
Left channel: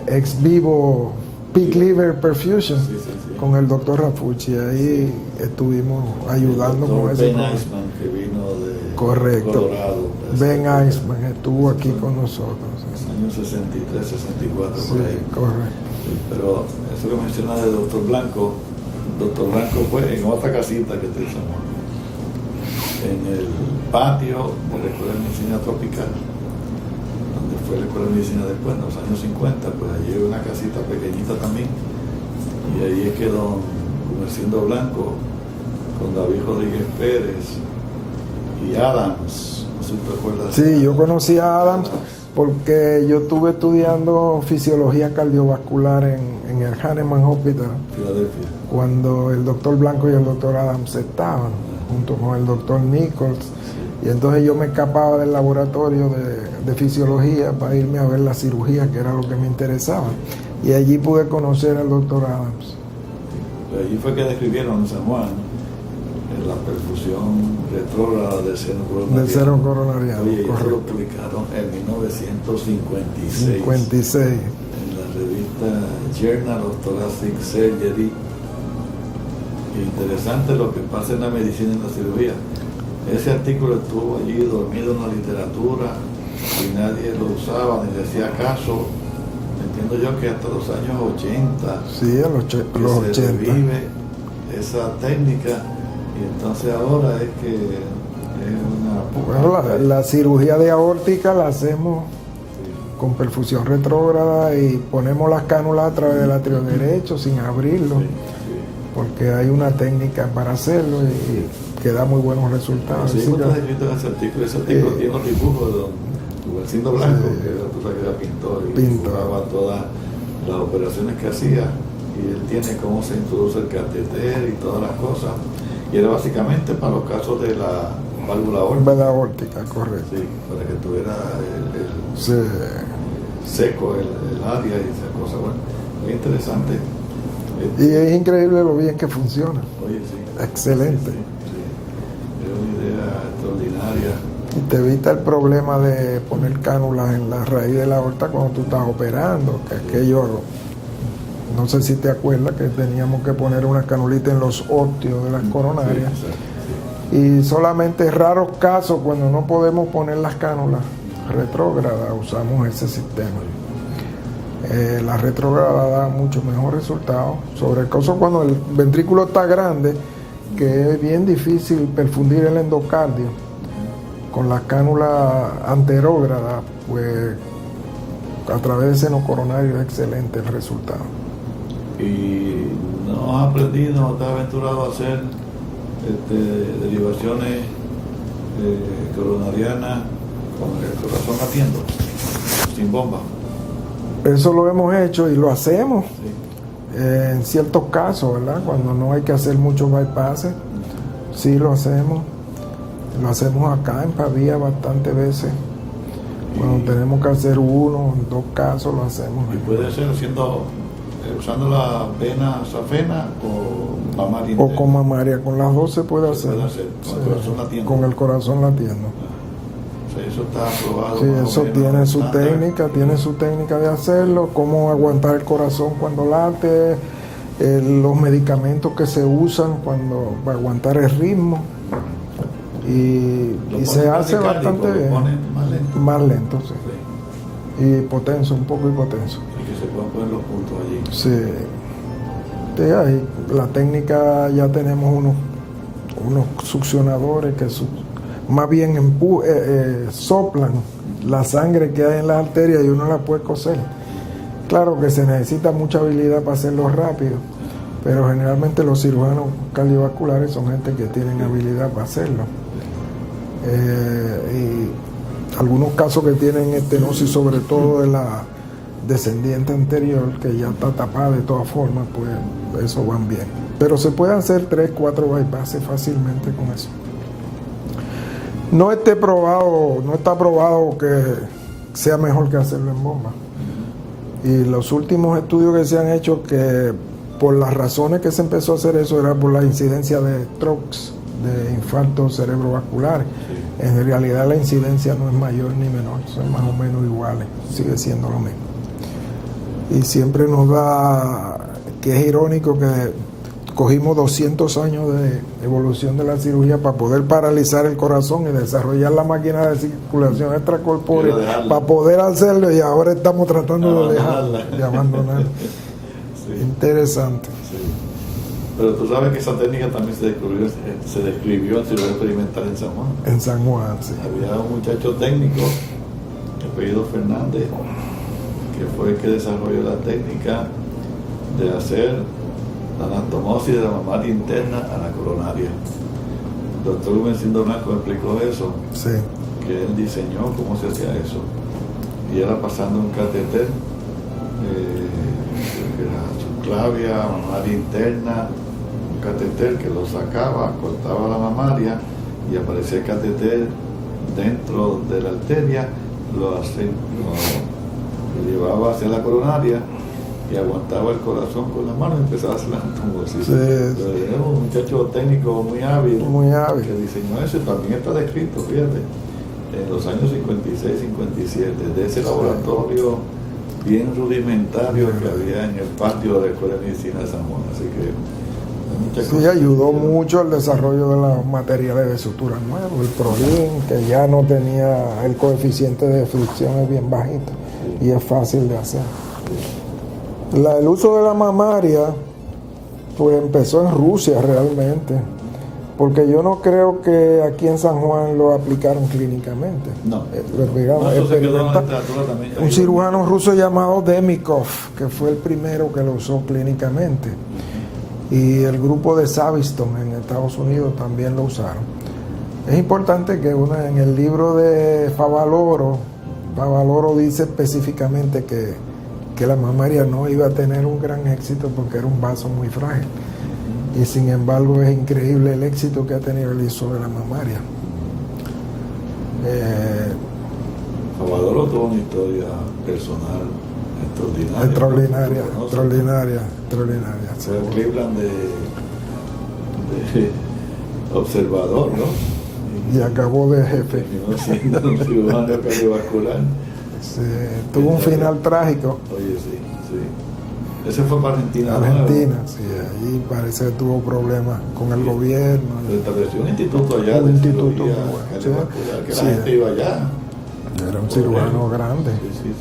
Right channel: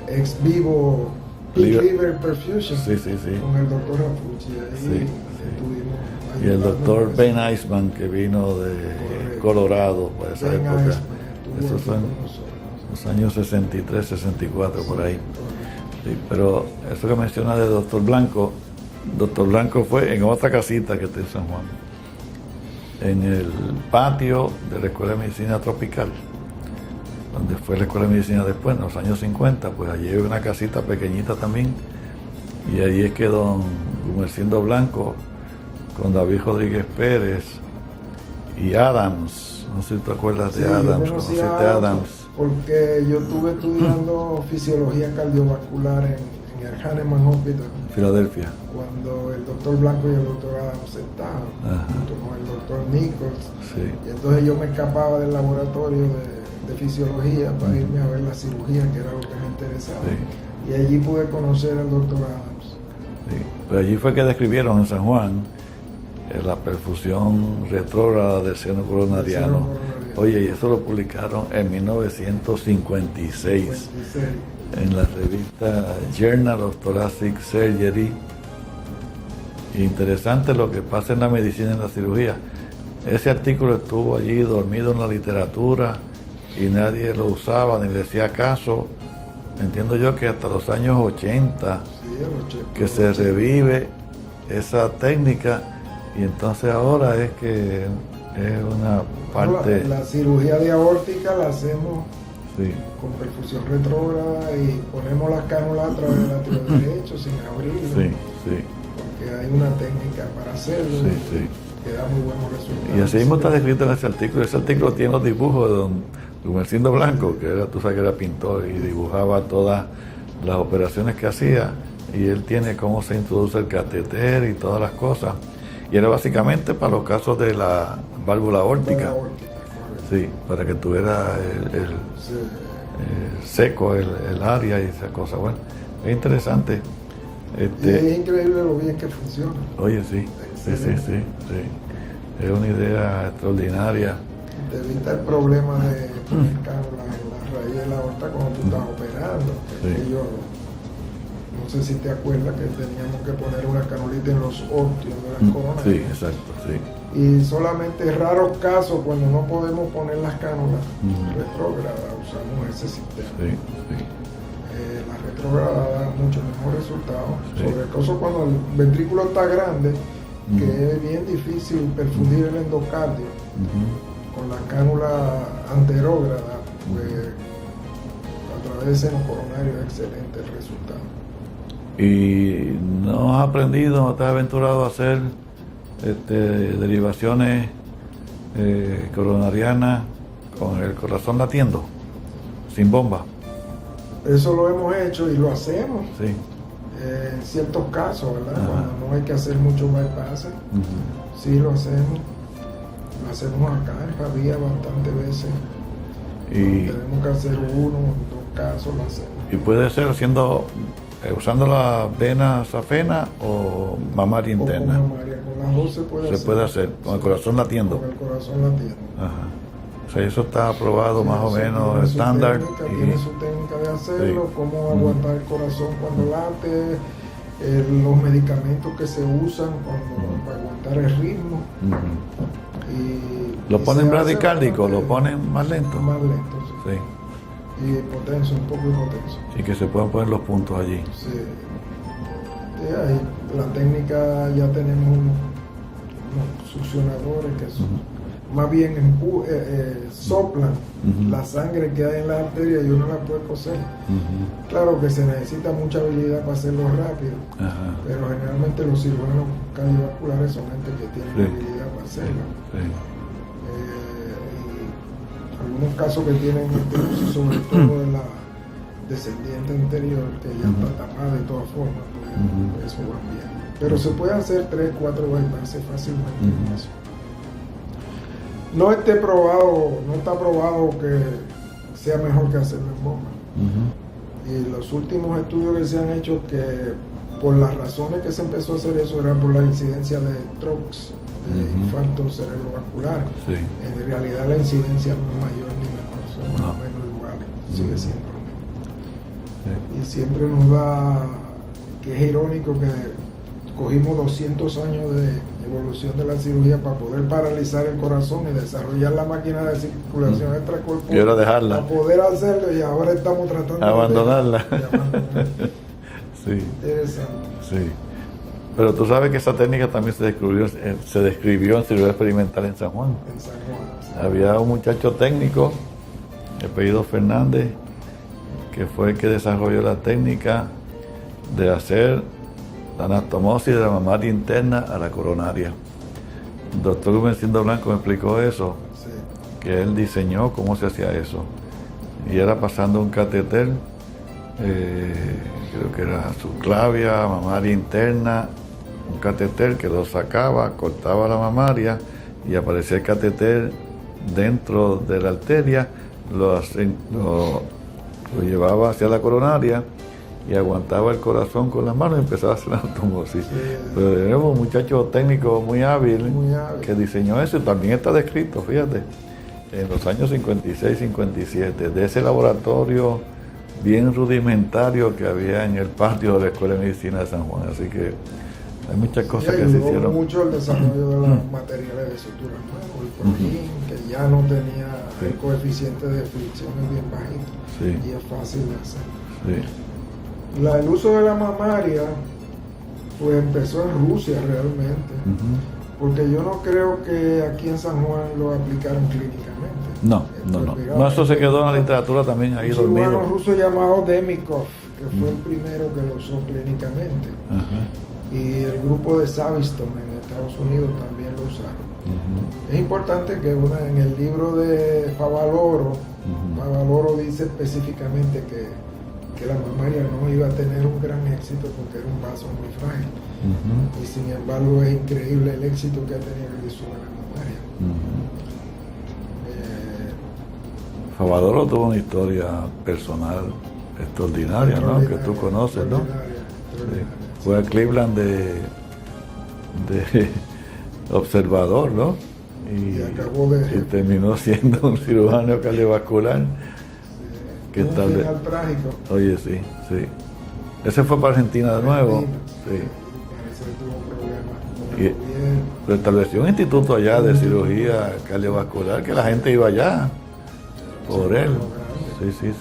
ex vivo pig liver perfusion Sí, sí, sí. con el doctor Rafucci. Ahí estuvimos Y el ayudando. doctor con ese Ben problema. Eisman, que vino de Correcto. Colorado. Pues, Ben Eisman estuvo Eso aquí fue en con nosotros. los años 63, 64, por Sí, ahí. correcto. Sí, pero eso que menciona de Doctor Blanco fue en otra casita que está en San Juan, en el patio de la Escuela de Medicina Tropical, donde fue la Escuela de Medicina después, en los años 50, pues allí hay una casita pequeñita también, y ahí es que don Gumersindo Blanco, con David Rodríguez Pérez y Adams, no sé si te acuerdas Sí, de Adams. yo conocí a ¿Conociste Adams porque yo estuve estudiando fisiología cardiovascular en el Hahnemann Hospital Filadelfia. cuando el doctor Blanco y el doctor Adams estaban, junto con el doctor Nichols. Sí. Y entonces yo me escapaba del laboratorio de fisiología para irme a ver la cirugía, que era lo que me interesaba. Sí. Y allí pude conocer al doctor Adams. Sí. Pues allí fue que describieron en San Juan la perfusión retrógrada del seno coronariano. Del seno coronariano, Oye, y eso lo correcto. publicaron en 1956 56. en la revista Journal of Thoracic Surgery. Y interesante lo que pasa en la medicina y en la cirugía. Ese artículo estuvo allí dormido en la literatura y nadie lo usaba ni le hacía caso. Entiendo yo que hasta los años 80 Sí, a los que los se 80. revive esa técnica, y entonces ahora es que es una Bueno, parte, la cirugía de aórtica la hacemos sí, con perfusión retrógrada y ponemos las cánulas a través del atrio derecho sin abrirlo, sí, sí. porque hay una técnica para hacerlo Sí, y sí. que da muy buenos Y resultados. así mismo Sí, está descrito en ese artículo. Ese artículo Sí. tiene los dibujos de don Gumersindo Blanco, Sí. que era, tú sabes que era pintor y Pintor. dibujaba todas las operaciones que hacía, y él tiene cómo se introduce el catéter y todas las cosas, y era básicamente para los casos de la válvula aórtica. la aórtica, correcto. Sí, para que tuviera Sí. seco el área y esa cosa. Bueno, es interesante. Y es increíble lo bien que funciona. Oye, sí. Excelente. Sí, sí. Es una idea extraordinaria. Y te evita el problema de poner cánulas en la raíz de la aorta cuando tú estás operando, que Sí. aquello, no sé si te acuerdas que teníamos que poner una canulita en los óptios de las Sí, coronarias. exacto. Sí. Y solamente en raros casos, cuando no podemos poner las cánulas retrógradas, usamos ese sistema. Sí, La retrógrada da mucho mejor resultado. Sí. Sobre el caso cuando el ventrículo está grande, que es bien difícil perfundir el endocardio. Con la cánula anterógrada, pues a través del seno coronario es excelente el resultado. ¿Y no has aprendido, no te has aventurado a hacer derivaciones coronarianas con el corazón latiendo, sin bomba? Eso lo hemos hecho y lo hacemos Sí. en ciertos casos, ¿verdad? Ajá. Cuando no hay que hacer muchos bypasses, sí lo hacemos. Lo hacemos acá en Pavía bastantes veces. Cuando tenemos que hacer uno, en 2 casos lo hacemos. Y puede ser haciendo, usando la vena safena o mamaria O interna. con mamaria, con las dos se puede Se hacer. puede hacer, con el corazón latiendo. Con el corazón latiendo. Ajá. O sea, eso está aprobado Sí, más o eso menos tiene su estándar. técnica, Y- tiene su técnica de hacerlo, Sí. cómo aguantar el corazón cuando late, los medicamentos que se usan para aguantar el ritmo. Y, ¿Lo y ponen se hace bradicárdico? bastante ¿Lo ponen más lento? más lento, sí. Sí. Y hipotenso, un poco hipotenso. Y que se puedan poner los puntos allí. Sí. Sí, ahí la técnica ya tenemos unos succionadores que más bien soplan la sangre que hay en la arteria y uno la puede coser. Claro que se necesita mucha habilidad para hacerlo rápido, Ajá. pero generalmente los cirujanos cardiovasculares son gente que tienen Sí. habilidad para hacerlo. Sí. Y algunos casos que tienen estenosis, sobre todo de la descendiente anterior, que ya está tapada de todas formas, pues eso van bien. Pero se puede hacer 3, 4 bypasses fácilmente con eso. No está probado que sea mejor que hacerlo en bomba. Y los últimos estudios que se han hecho que por las razones que se empezó a hacer eso era por la incidencia de strokes, de infartos cerebrovasculares. Sí. En realidad la incidencia no es mayor ni menor, son más o menos iguales, sigue siendo lo mismo. Sí. Y siempre nos da, que es irónico que cogimos 200 años de evolución de la cirugía para poder paralizar el corazón y desarrollar la máquina de circulación extracorpórea para poder hacerlo, y ahora estamos tratando de abandonarla. Sí. Interesante. Sí. Pero tú sabes que esa técnica también se describió en cirugía experimental en San Juan. En San Juan, sí. Había un muchacho técnico, de apellido Fernández, que fue el que desarrolló la técnica de hacer la anastomosis de la mamaria interna a la coronaria. El doctor Lumencindo Blanco me explicó eso, Sí. que él diseñó cómo se hacía eso. Y era pasando un catéter, creo que era subclavia, mamaria interna, un catéter que lo sacaba, cortaba la mamaria y aparecía el catéter dentro de la arteria, lo llevaba hacia la coronaria y aguantaba el corazón con las manos y empezaba a hacer la anastomosis. Sí. Pero era un muchacho técnico muy hábil que diseñó eso, y también está descrito, fíjate, en los años 56, 57, de ese laboratorio bien rudimentario que había en el patio de la Escuela de Medicina de San Juan. Así que hay muchas cosas que ayudó se hicieron. mucho el desarrollo de los materiales de sutura nuevos, el Prolin, que ya no tenía el coeficiente de fricción, es bien bajito, Sí. y es fácil de hacer. Sí. El uso de la mamaria pues empezó en Rusia realmente, porque yo no creo que aquí en San Juan lo aplicaron clínicamente. No, eso se quedó en la literatura también. Un cirujano ruso llamado Demikov, que fue el primero que lo usó clínicamente, y el grupo de Saviston en Estados Unidos también lo usaron. Es importante que en el libro de Favaloro dice específicamente que la mamaria no iba a tener un gran éxito porque era un vaso muy frágil. Y sin embargo es increíble el éxito que ha tenido el uso de la mamaria. Favaloro tuvo una historia personal extraordinaria, extraordinaria, ¿no? Que tú conoces, extraordinaria. ¿no? Fue a Cleveland de observador, ¿no? Y acabó de jefe. Terminó siendo un cirujano cardiovascular. Sí, tuvo un final trágico. Oye, sí. Ese fue para Argentina de nuevo. Argentina, sí. Ahí parece que tuvo problemas con el gobierno. Pero estableció un instituto allá de cirugía cardiovascular, que la gente iba allá. Era un cirujano grande. Sí.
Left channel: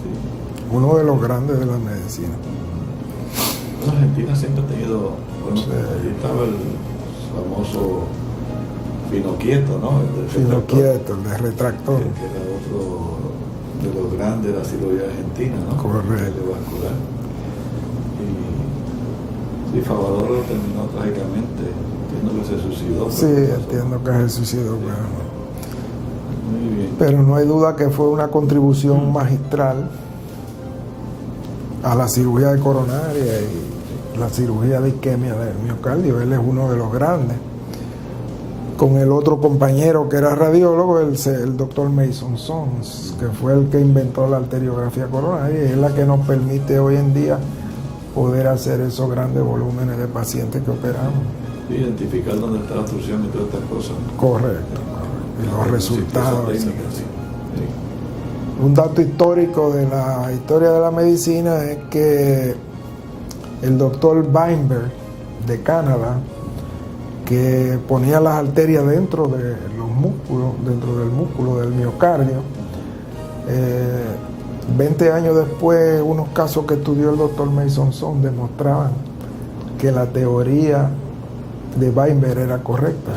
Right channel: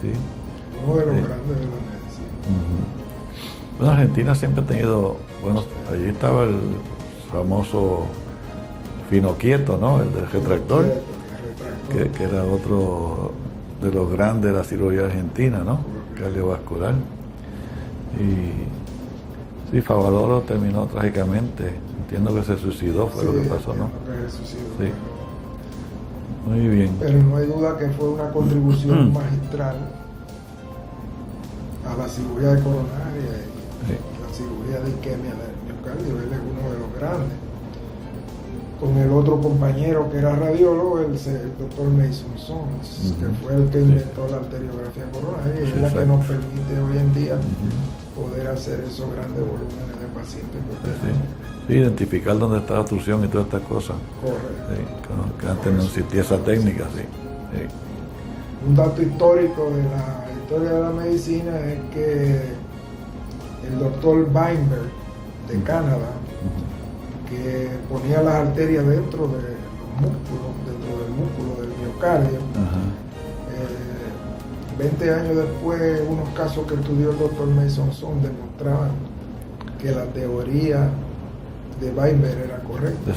Uno de los grandes de la medicina. Bueno, Argentina siempre ha tenido, allí estaba el famoso Pinoquieto, ¿no? El del retractor. El de retractor. Que era otro de los grandes de la cirugía argentina, ¿no? Correcto. Cardiovascular. Y Favaloro terminó trágicamente. Entiendo que se suicidó. Sí, entiendo que se suicidó. Sí. Muy bien. Pero no hay duda que fue una contribución magistral a la cirugía de coronaria y la cirugía de isquemia del miocardio. Él es uno de los grandes. Con el otro compañero que era radiólogo, el doctor Mason Sons, que fue el que inventó la arteriografía coronaria, y es la que nos permite hoy en día poder hacer esos grandes volúmenes de pacientes que operamos. Identificar dónde está la obstrucción y todas estas cosas. Correcto. Los resultados. Esa técnica, sí. Un dato histórico de la historia de la medicina es que el doctor Weinberg de Canadá, que ponía las arterias dentro de los músculos, dentro del músculo del miocardio. 20 años después, unos casos que estudió el doctor Mason Son demostraban que la teoría de Weinberg era correcta.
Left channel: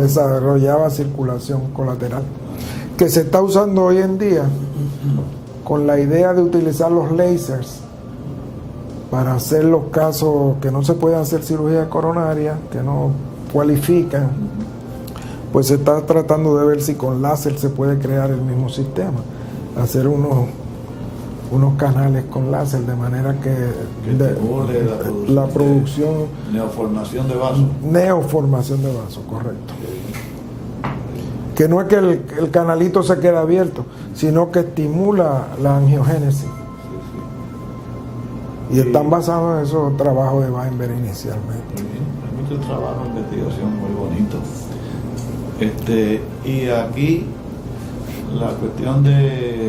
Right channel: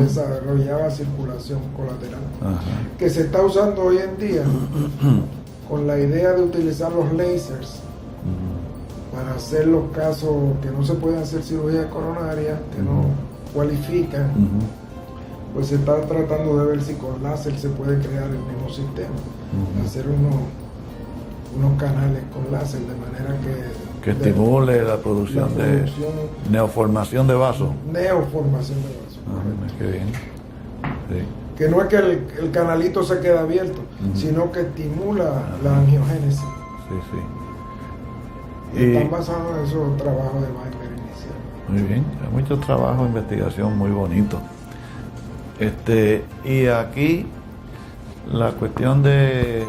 Desarrollaba circulación colateral. Que se está usando hoy en día con la idea de utilizar los lasers para hacer los casos que no se pueden hacer cirugía coronaria, que no cualifican. Pues se está tratando de ver si con láser se puede crear el mismo sistema, hacer unos canales con láser de manera que estimule la producción de neoformación de vasos. Neoformación de vasos, correcto. Qué bien. Sí. Que no es que el canalito se quede abierto, sino que estimula la angiogénesis. Y están basados en esos trabajos de Weinberg inicialmente. Muy bien, hay mucho trabajo de investigación muy bonito. Y aquí la cuestión de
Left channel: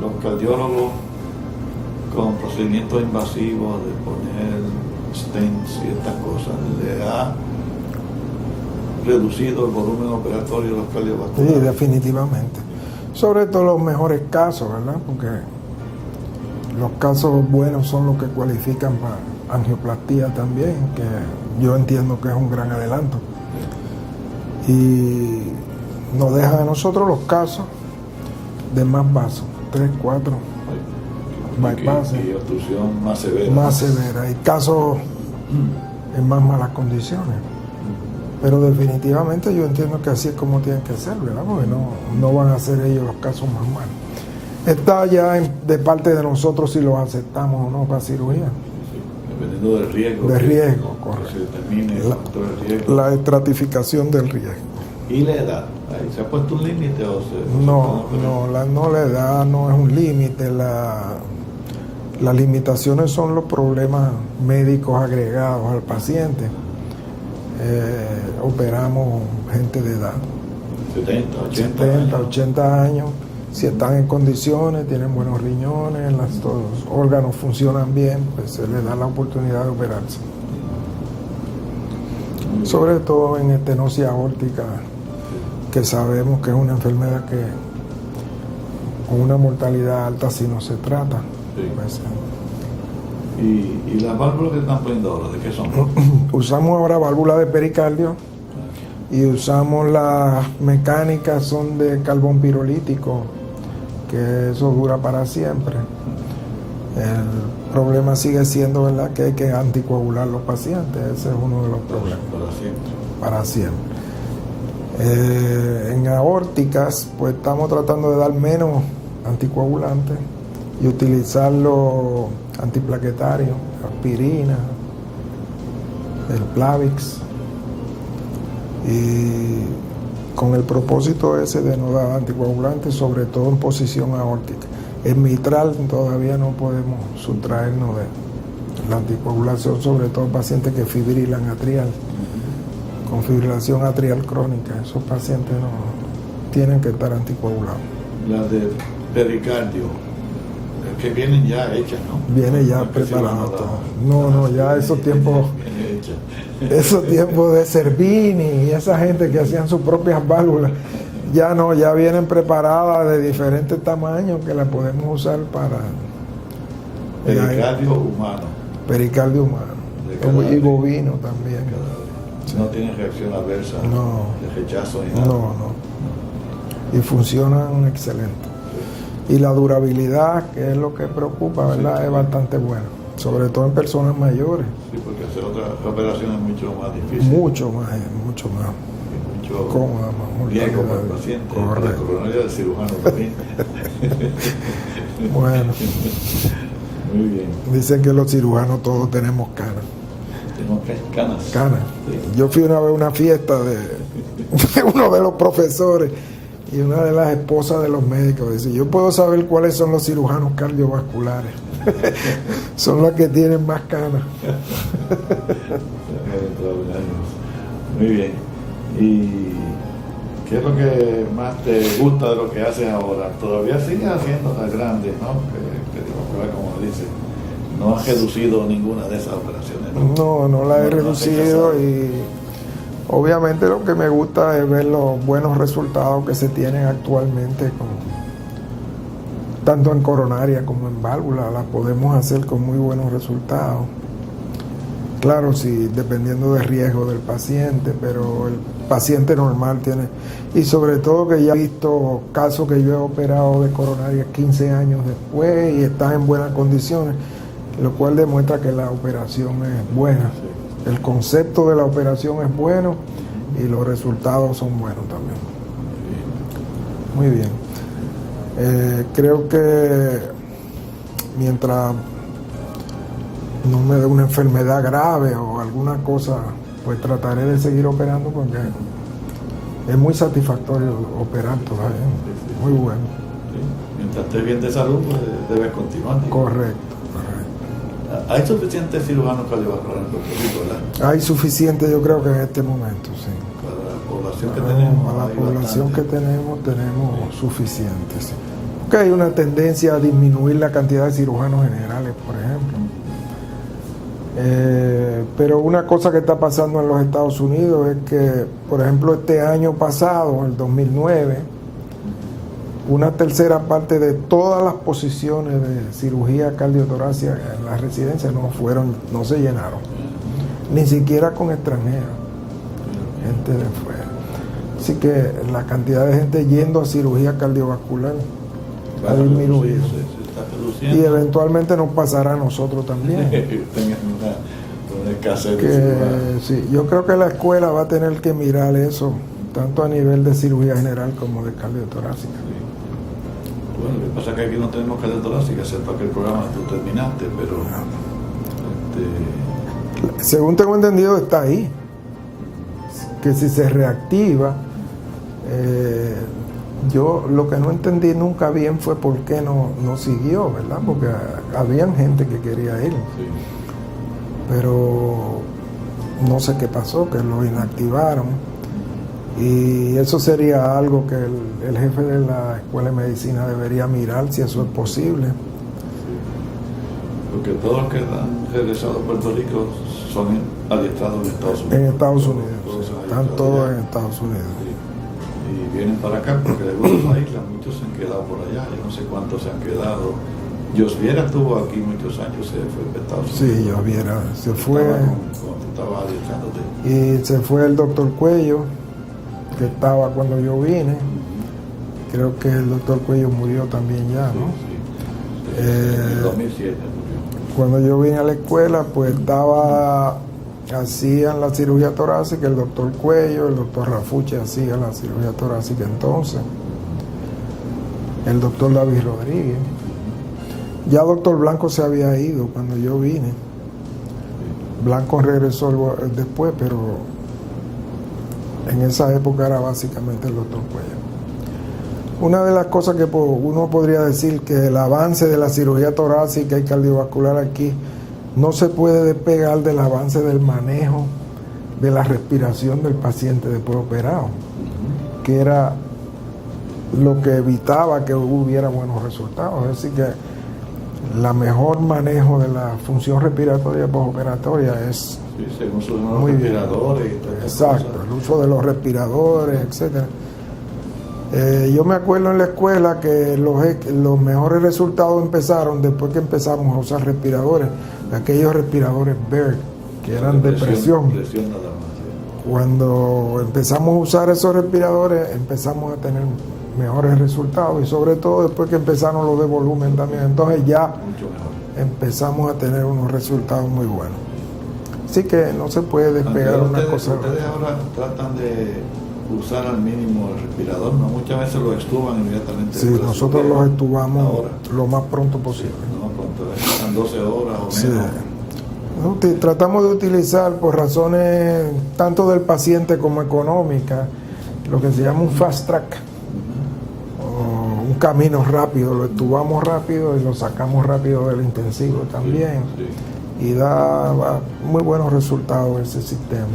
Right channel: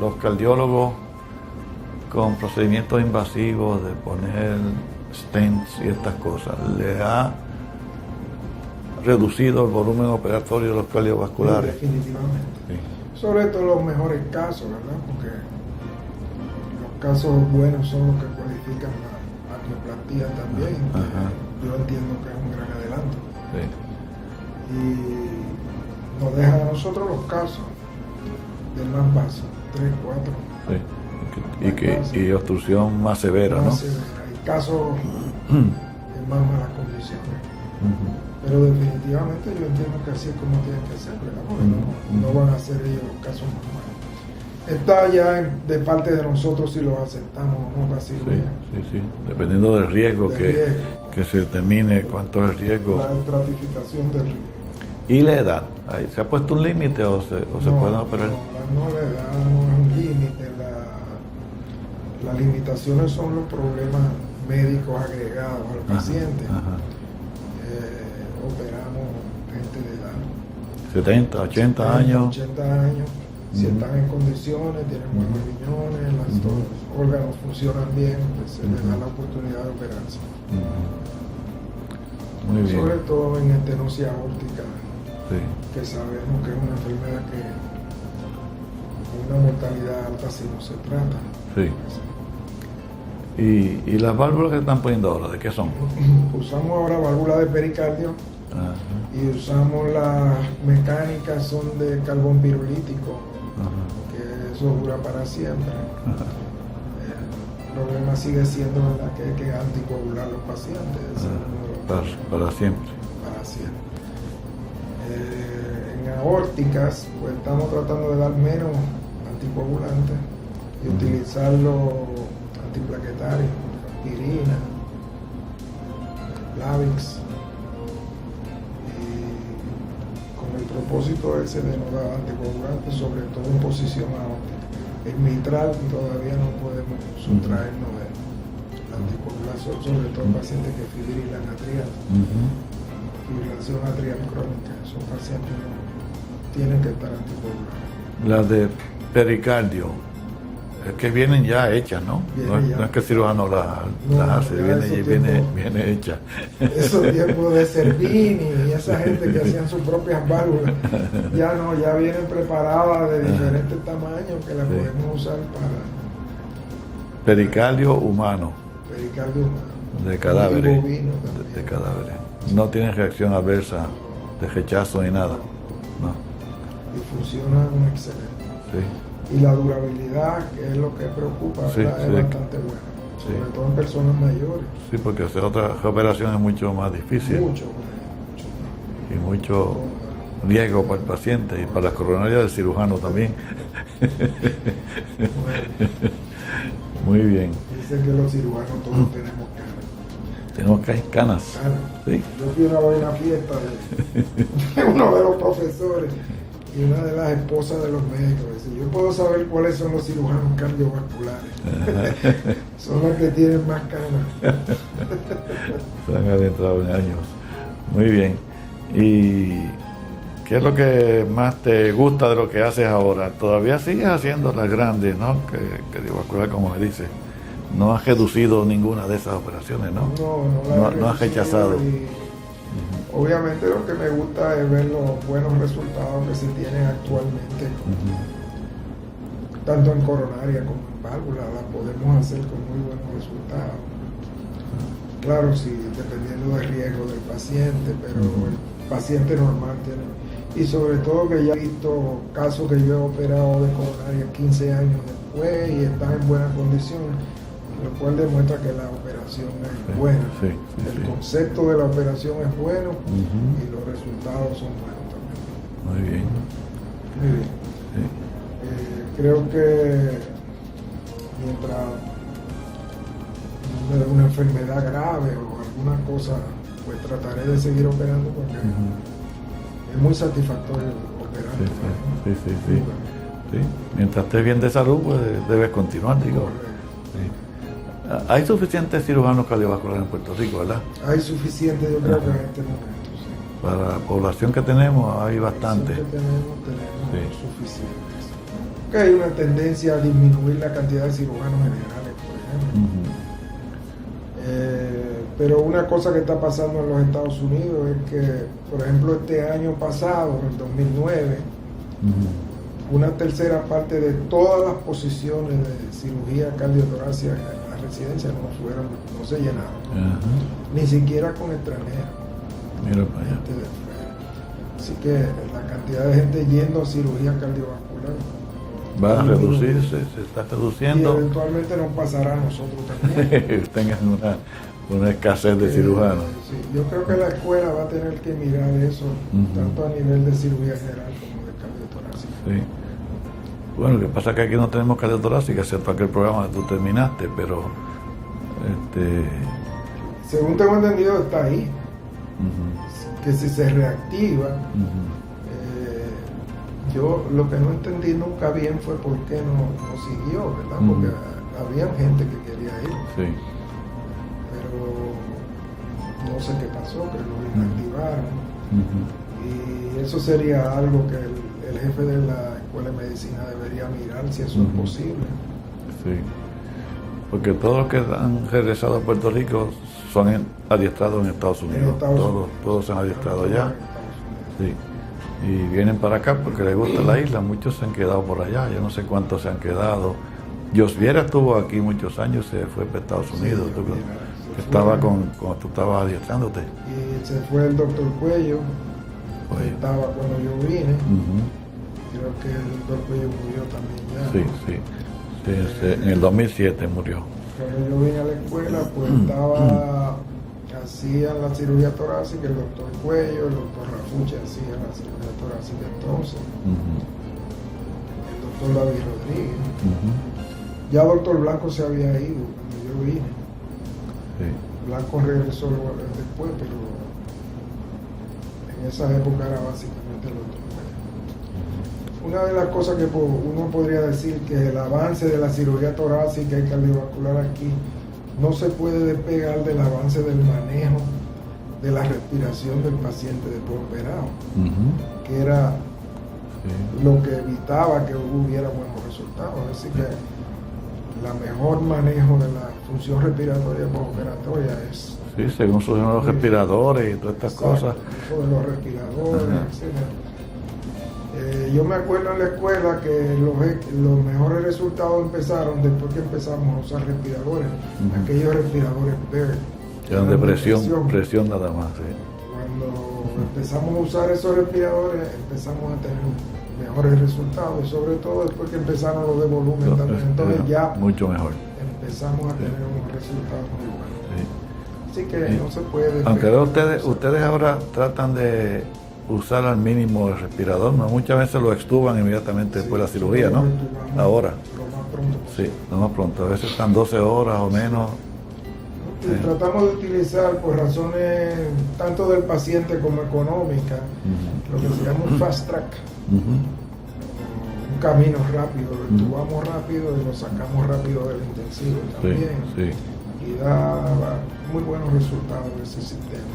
los cardiólogos con procedimientos invasivos, de poner stents y estas cosas, ¿le ha reducido el volumen operatorio de los cardiovasculares? Sí, definitivamente. Sí. Sobre todo los mejores casos, ¿verdad? Porque los casos buenos son los que cualifican para angioplastía también, que yo entiendo que es un gran adelanto. Sí. Y nos deja a nosotros los casos de más vasos, 3, 4. Sí. Y obstrucción más severa. Más severa. Y casos en más malas condiciones. Pero definitivamente yo entiendo que así es como tienen que ser, ¿verdad? Porque no van a ser ellos los casos más malos. Está ya de parte de nosotros si los aceptamos o no para cirugía. Sí. Dependiendo del riesgo, que se determine cuánto es el riesgo. La estratificación del riesgo. ¿Y la edad? ¿Se ha puesto un límite o se pueden operar? La edad no es un límite. Las limitaciones son los problemas médicos agregados al paciente. Operamos gente de edad. 70, 80 años. 80 años. Si están en condiciones, tienen buenos riñones, los órganos funcionan bien, pues se les da la oportunidad de operarse. Sobre todo en estenosis aórtica, que sabemos que es una enfermedad que con una mortalidad alta si no se trata. Sí. Pues, ¿Y las válvulas que están poniendo ahora, de qué son? Usamos ahora válvulas de pericardio y usamos las mecánicas, son de carbón pirolítico, que eso dura para siempre. El problema sigue siendo, ¿verdad?, que hay que anticoagular los pacientes. Ese es uno de los problemas. Para siempre. Para siempre. En aórticas, pues estamos tratando de dar menos anticoagulantes y utilizar los antiplaquetarios, aspirina, el Plavix, y con el propósito ese de no dar anticoagulantes, sobre todo en posición aórtica. En mitral todavía no podemos sustraernos de la anticoagulación, sobre todo en pacientes que fibrilan atrial, con fibrilación atrial crónica. Esos pacientes no tienen que estar anticoagulados. Las de pericardio, que vienen ya hechas, ¿no? Viene ya. No es que el cirujano ya esos tiempos. Viene hecha. Esos tiempos de Servini y esa gente que hacían sus propias válvulas, ya no, ya vienen preparadas de diferentes tamaños que las podemos usar para. Pericardio humano. Pericardio humano. De cadáveres. Y bovino también. De cadáveres. No tienen reacción adversa, de rechazo ni nada. No. Y funcionan excelente. Sí. Y la durabilidad, que es lo que preocupa, ¿verdad? Es bastante buena. Sobre todo en personas mayores. Sí, porque hacer otra operación es mucho más difícil. Mucho más. Y mucho riesgo para el paciente. Correcto. Y para la coronaria del cirujano también. Bueno. Muy bien. Dicen que los cirujanos todos tenemos canas. Tenemos canas. Canas. Sí. Yo fui a ver una fiesta de uno de los profesores y una de las esposas de los médicos dice: yo puedo saber cuáles son los cirujanos cardiovasculares. Son los que tienen más canas. Se han adentrado en años. Muy bien. ¿Y qué es lo que más te gusta de lo que haces ahora? Todavía sigues haciendo las grandes, ¿no? Que como se dice, no has reducido ninguna de esas operaciones, ¿no? No las he reducido y obviamente lo que me gusta es ver los buenos resultados que se tienen actualmente, tanto en coronaria como en válvula, las podemos hacer con muy buenos resultados. Claro, sí, dependiendo del riesgo del paciente, pero el paciente normal tiene, y sobre todo que ya he visto casos que yo he operado de coronaria 15 años después y están en buenas condiciones, lo cual demuestra que la operación es buena. Sí. El concepto de la operación es bueno y los resultados son buenos también. Muy bien. Sí. Creo que mientras no me dé una enfermedad grave o alguna cosa, pues trataré de seguir operando porque es muy satisfactorio operar todavía. Muy bueno. Sí. Mientras estés bien de salud, pues debes continuar. Correcto. Hay suficientes cirujanos cardiovasculares en Puerto Rico, ¿verdad? Hay suficiente, yo creo que en este momento, sí. Para la población que tenemos, hay la población bastante. que tenemos Sí. suficientes. Porque hay una tendencia a disminuir la cantidad de cirujanos generales, por ejemplo. Pero una cosa que está pasando en los Estados Unidos es que, por ejemplo, este año pasado, el 2009, una tercera parte de todas las posiciones de cirugía cardiotorácica en las residencias no se llenaron, ni siquiera con extranjeros, gente de fuera. Así que la cantidad de gente yendo a cirugía cardiovascular Va a disminuido. reducirse, se está Y reduciendo. eventualmente nos pasará a nosotros también. Tengan una escasez de Que, cirujanos. sí, yo creo que la escuela va a tener que mirar eso, tanto a nivel de cirugía general como de cardiotorácica. Sí. Bueno, lo que pasa es que aquí no tenemos cardiotorácica, excepto aquel programa que tú terminaste, pero Según tengo entendido, está ahí. Que si se reactiva, yo lo que no entendí nunca bien fue por qué no siguió, ¿verdad? Porque habían gente que quería ir, sí. pero no sé qué pasó, que lo inactivaron. Y eso sería algo que el jefe de la Escuela de Medicina debería mirar si eso es posible. Sí. Porque todos los que han regresado a Puerto Rico son adiestrados en Estados Unidos. En Estados Todos- Unidos. Todos se han Están adiestrado todos allá. en Estados Unidos. Sí. Y vienen para acá porque les gusta la isla. Muchos se han quedado por allá. Yo no sé cuántos se han quedado. Josviera estuvo aquí muchos años, se fue para Estados Sí, Unidos. yo viera, se fue. Estaba cuando tú estabas adiestrándote. Y se fue el doctor Cuello, que Sí. estaba cuando yo vine. Ujú. Creo que el doctor Cuello murió también ya, Sí, ¿no? sí. En el 2007 murió. Cuando yo vine a la escuela, pues hacían la cirugía torácica, el doctor Cuello, el doctor Rafuche hacía la cirugía torácica entonces, el doctor David Rodríguez. Ya doctor Blanco se había ido cuando yo vine. Sí. Blanco regresó después, pero en esa época era básicamente el doctor Cuello. Una de las cosas que uno podría decir que el avance de la cirugía torácica y cardiovascular aquí no se puede despegar del avance del manejo de la respiración del paciente después operado, que era lo que evitaba que hubiera buenos resultados. Es decir, que la mejor manejo de la función respiratoria postoperatoria es Sí, según sus nuevos Muy bien. respiradores y todas estas exacto, cosas. el uso de los respiradores, etcétera. Yo me acuerdo en la escuela que los mejores resultados empezaron después que empezamos a usar respiradores, aquellos respiradores Baird, que Que eran eran de de presión. presión nada más. Sí. Cuando empezamos a usar esos respiradores, empezamos a tener mejores resultados, y sobre todo después que empezaron los de volumen también. Entonces ya Mucho mejor. empezamos a tener unos resultados muy buenos. Sí. Así que no se puede Aunque despegar una ustedes, cosa. ustedes ahora tratan de usar al mínimo el respirador, ¿no? Muchas veces lo extuban inmediatamente Sí, después de la nosotros cirugía, los ¿no? entubamos Ahora. lo más pronto Sí, posible. no más pronto. A veces están 12 horas o Sí. menos. Tratamos de utilizar, por razones tanto del paciente como económicas, lo que se llama un fast track, o un camino rápido. Lo entubamos rápido y lo sacamos rápido del intensivo también. Sí. Y da muy buenos resultados ese sistema.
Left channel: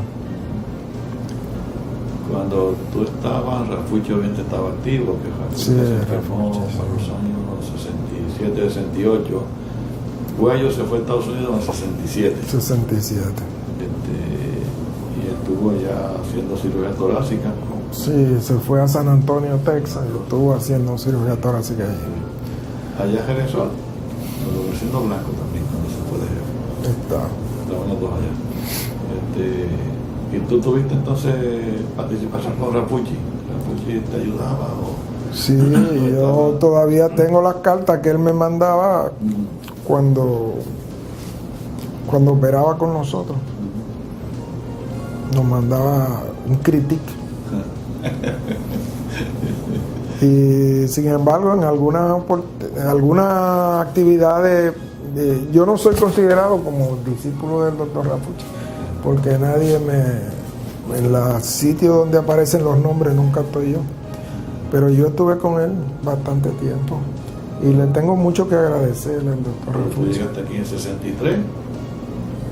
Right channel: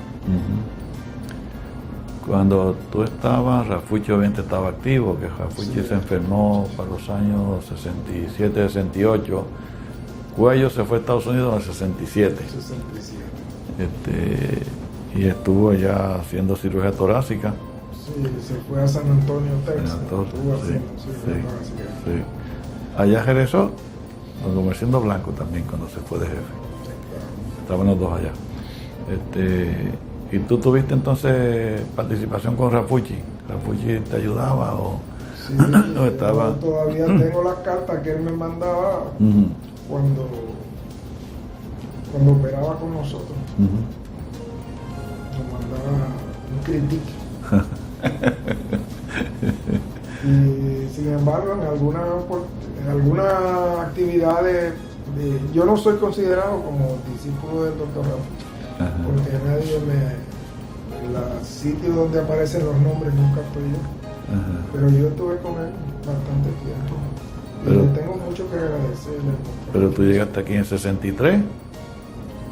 Cuando tú estabas, Rafucci obviamente estaba activo, que Rafucci Sí, se enfermó Rafucci, sí. para los años 67, 68. Cuello se fue a Estados Unidos en el 67. 67. Y estuvo allá haciendo cirugía torácica. Sí, se fue a San Antonio, Texas, San Antonio, estuvo sí, haciendo cirugía sí, torácica allí. Sí. Allá regresó, como siendo Blanco también cuando se fue de jefe. Estaban los dos allá. ¿Y tú tuviste entonces participación con Rafucci? ¿Rafucci te ayudaba? Sí, No, estaba- yo todavía tengo las cartas que él me mandaba cuando operaba con nosotros. Nos mandaba un critique. Y sin embargo, en algunas actividades, yo no soy considerado como discípulo del doctor Rafucci, porque nadie en los sitios donde aparecen los nombres nunca estoy yo. Pero yo estuve con él bastante tiempo. Y le tengo mucho que agradecer al doctor. Pero tú llegaste aquí en 63